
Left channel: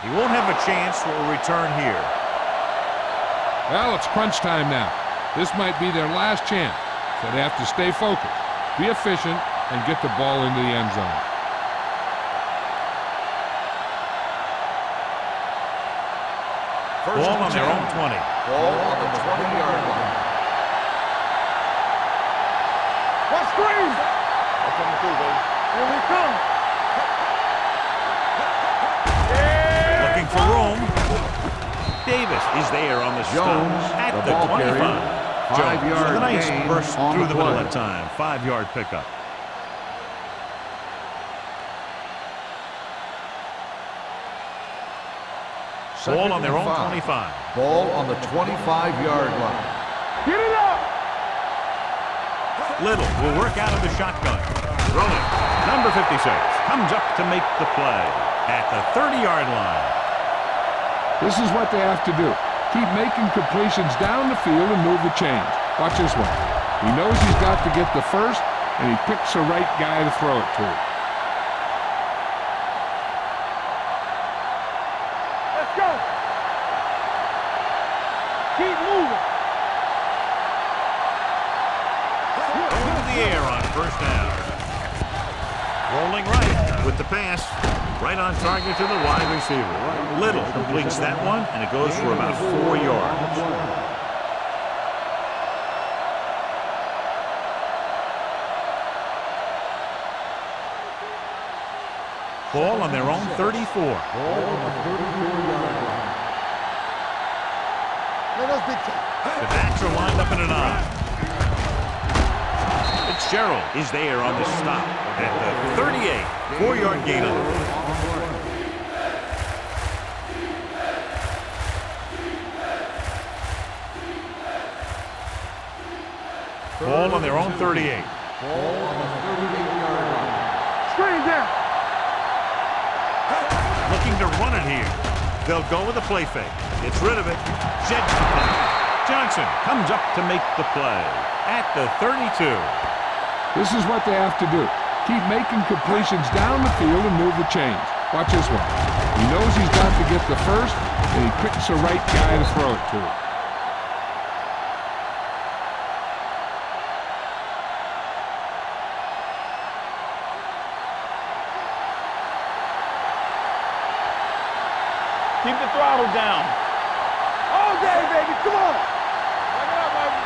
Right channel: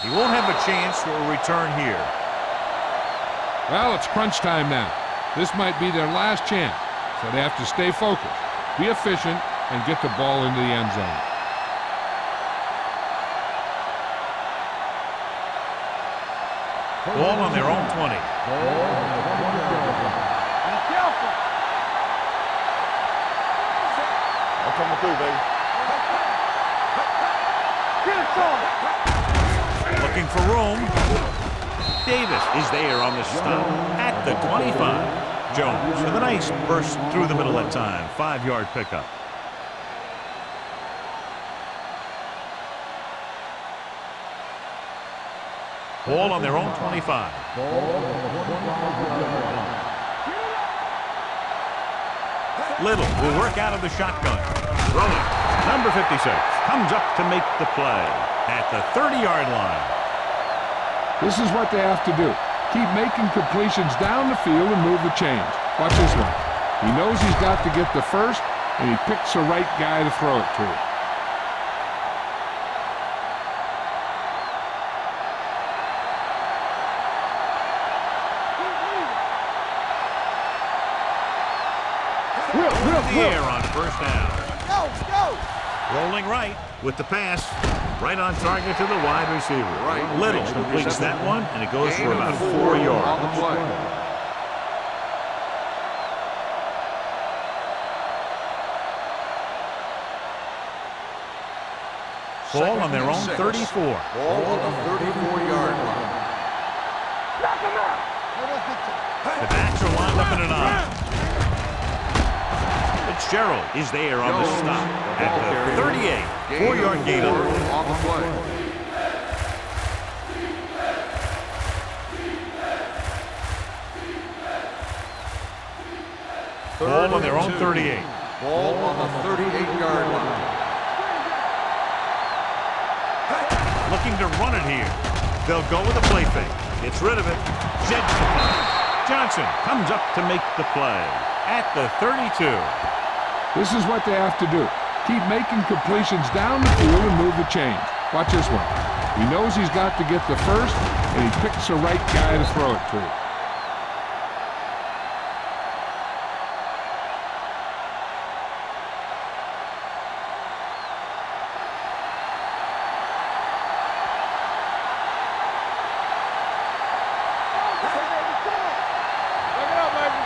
He won't have a chance for a return here. Well, it's crunch time now. This might be their last chance, so they have to stay focused, be efficient, and get the ball into the end zone. Ball on their own 20. Ball on the 20-yard line. Watch screens. I'm coming through, baby. Looking for room. Davis is there on the stop at the 25. Jones with a nice burst through the middle that time. 5-yard pickup. Ball on their own 25. Ball on the 25-yard line. Get it up. Little will work out of the shotgun. Throwing. Number 56 comes up to make the play at the 30-yard line. This is what they have to do. Keep making completions down the field and move the chains. Watch this one. He knows he's got to get the first, and he picks the right guy to throw it to. Let's go. Keep moving. Going to the air on first down. Rolling right with the pass. Right on target to the wide receiver. Little completes that one, and it goes for about 4 yards. Ball on their own 34. Ball on the 34-yard line. Let us dictate. The backs are lined up in an I. Fitzgerald is there on the stop at the 38. 4-yard gain on it. On the play. Ball on their own 38. Ball on the 38-yard line. Screen down. Looking to run it here. They'll go with a play fake. Gets rid of it. Jets the pass. Johnson comes up to make the play at the 32. This is what they have to do. Keep making completions down the field and move the chains. Watch this one. He knows he's got to get the first, and he picks the right guy to throw it to. Keep the throttle down. All day, baby. Come on. Break it up, baby.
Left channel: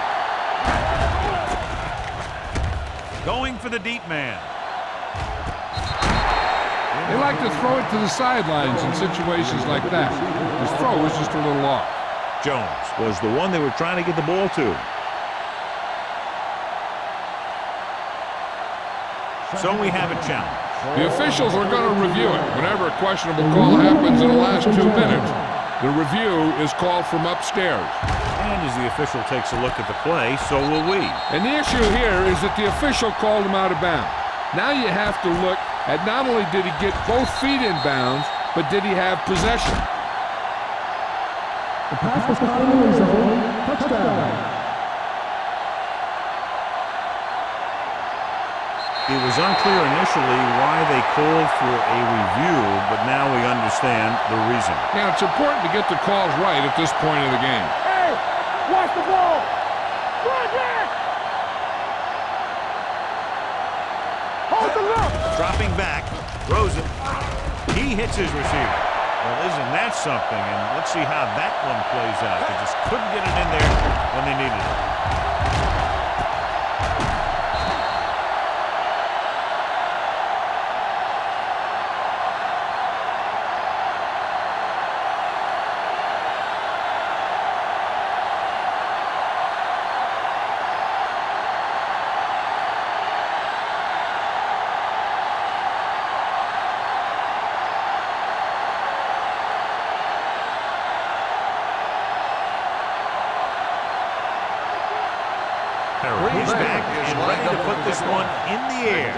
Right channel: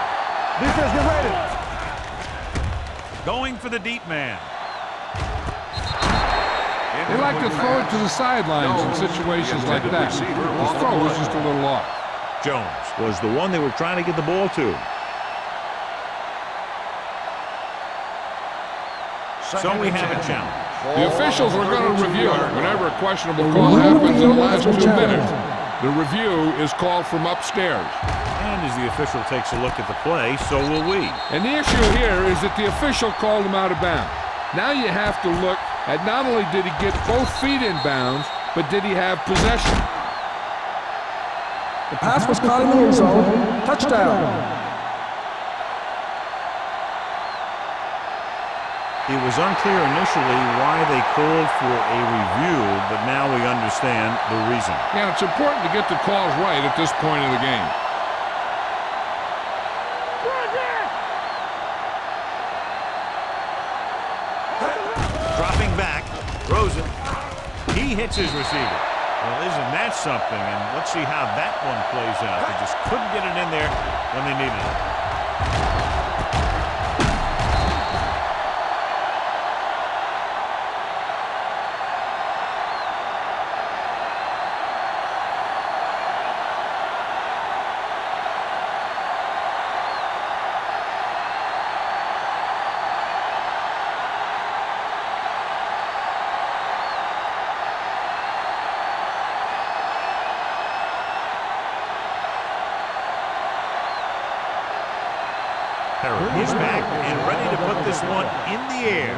Going for the deep man. They like to throw it to the sidelines in situations like that. His throw was just a little off. Jones was the one they were trying to get the ball to. So we have a challenge. The officials are going to review it. Whenever a questionable call happens in the last 2 minutes, the review is called from upstairs. And as the official takes a look at the play, so will we. And the issue here is that the official called him out of bounds. Now you have to look at not only did he get both feet in bounds, but did he have possession? The pass was caught in the end zone. Touchdown. It was unclear initially why they called for a review, but now we understand the reason. Yeah, it's important to get the calls right at this point of the game. Hey, watch the ball. Run it. Hold the look. Dropping back, throws it. He hits his receiver. Well, isn't that something? And let's see how that one plays out. They just couldn't get it in there when they needed it. He's back and ready to put this one in the air.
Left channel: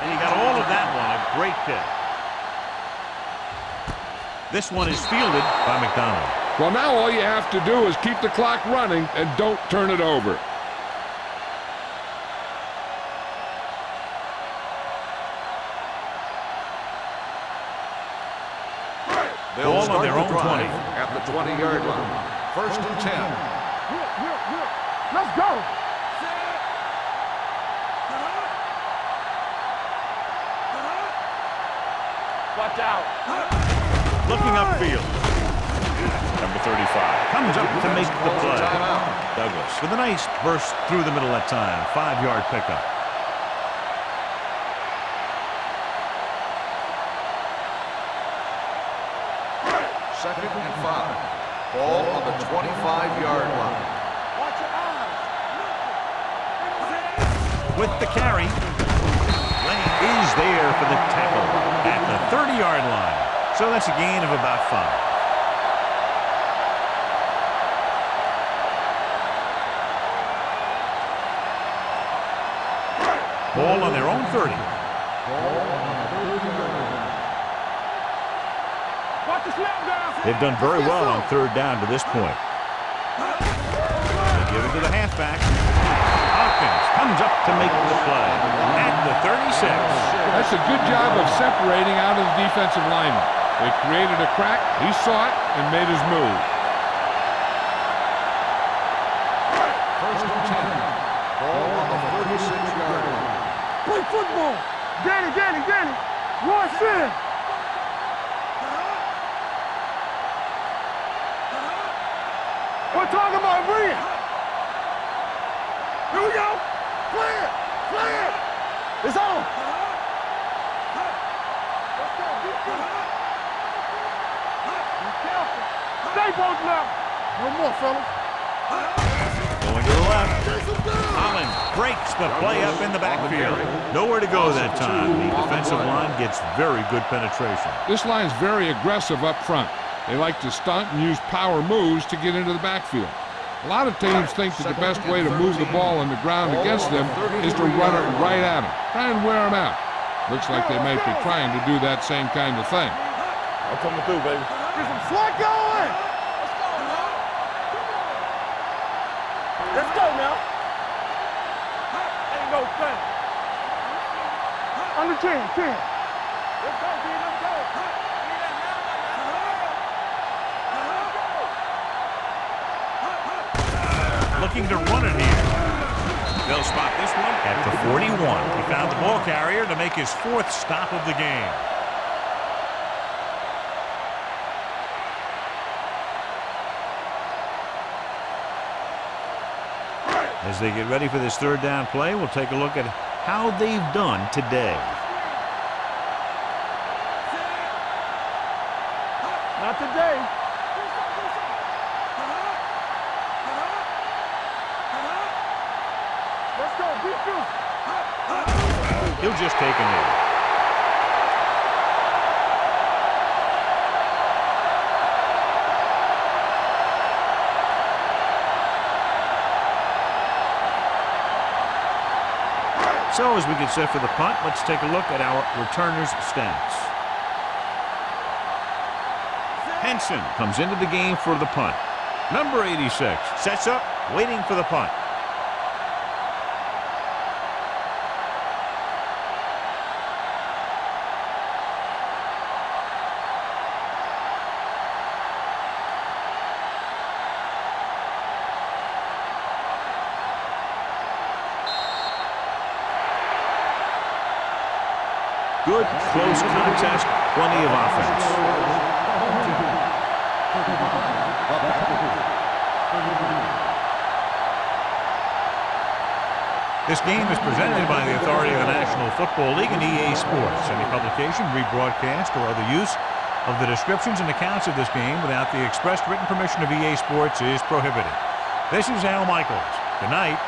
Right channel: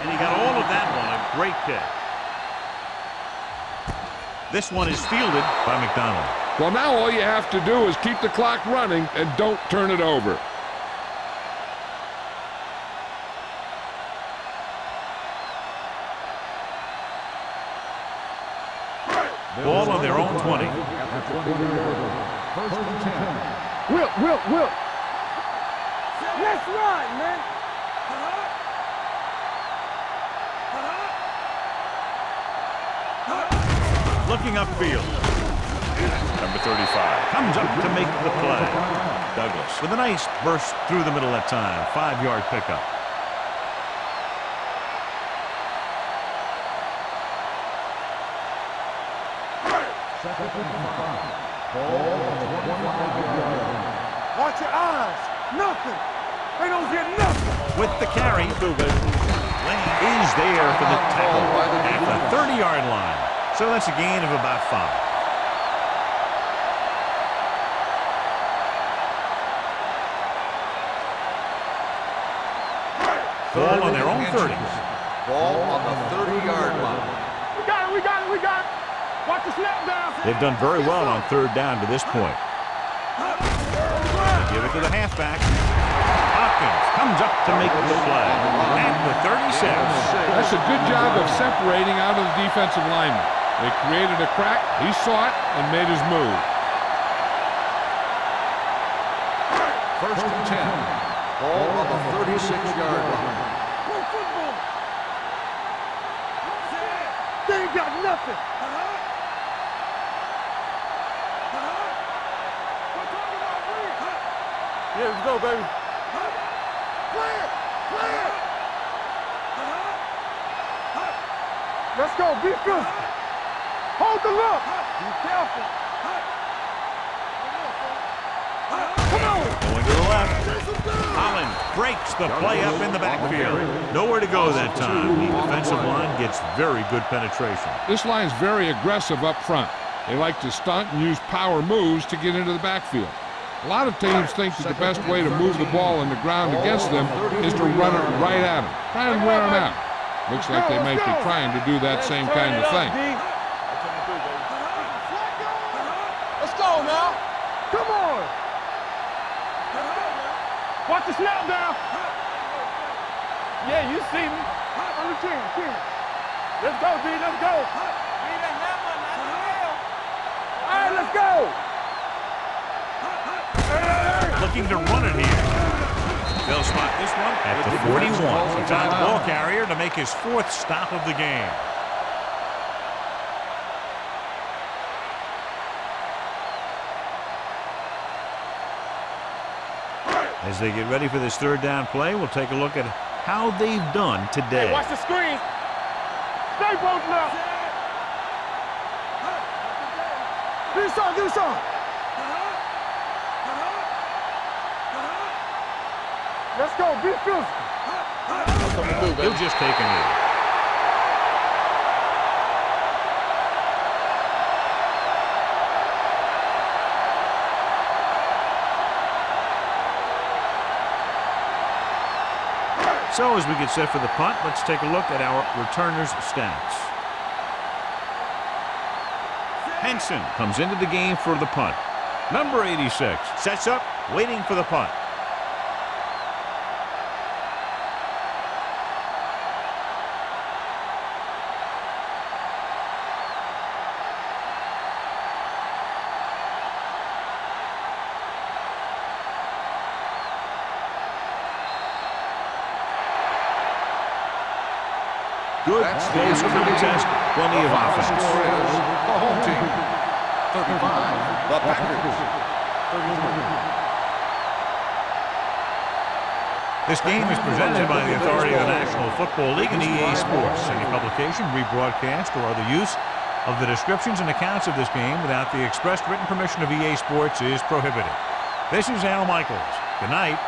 And he got all of that one. A great kick. This one is fielded by McDonald. Well, now all you have to do is keep the clock running and don't turn it over. Ball on their own 20. At the 20-yard line. 1st and 10. Will. Let's go. That's right, man. Watch out. Looking upfield. Number 35 comes up to make the play. Douglas with a nice burst through the middle that time. 5-yard pickup. Second and 5. Ball on the 25-yard line. Watch your eyes. Nothing. They don't say nothing. With the carry, Lane is there for the tackle at the 30-yard line. So that's a gain of about 5. Ball on their own 30. Ball on the 30-yard line. We got it. Watch the snap down. They've done very well on 3rd down to this point. They give it to the halfback. Hopkins comes up to make the play at the 36. That's a good job of separating out of the defensive lineman. They created a crack, he saw it, and made his move. 1st and 10. Ball on the 36-yard line. Play football. Danny. Watch it. They ain't got nothing. We're talking about Reed. Yeah, let's go, baby. Here we go. Play it. It's on. Let's go. Be good. Hold the look. Be careful. Stay both now. One more, fella. Going to the left. Holland breaks the play up in the backfield. Nowhere to go that time. The defensive line gets very good penetration. This line's very aggressive up front. They like to stunt and use power moves to get into the backfield. A lot of teams think that the best way to move the ball on the ground against them is to run it right at them. Try and wear them out. Looks like they might be trying to do that same kind of thing. I'm coming through, baby. Get some slack going. Let's go now. Come on. Let's go now. Watch the snap down. Ain't no thing. Yeah, you see me. Under 10. Let's go, D. Let's go. Be the hammer, not the nail. Let's go. Looking to run it here. They'll spot this one at the 41. He found the ball carrier to make his 4th stop of the game. As they get ready for this 3rd down play, we'll take a look at how they've done today. Watch the screen. Stay posted up. Not today. Do something. Let's go. Be physical. He'll just take a knee. So as we get set for the punt, let's take a look at our returners' stats. Henson comes into the game for the punt. Number 86 sets up, waiting for the punt. Good, close contest, plenty of offense. Score is the home team, 35, the Packers, 33. This game is presented by the authority of the National Football League and EA Sports. Any publication, rebroadcast, or other use of the descriptions and accounts of this game without the express written permission of EA Sports is prohibited. This is Al Michaels. Good night.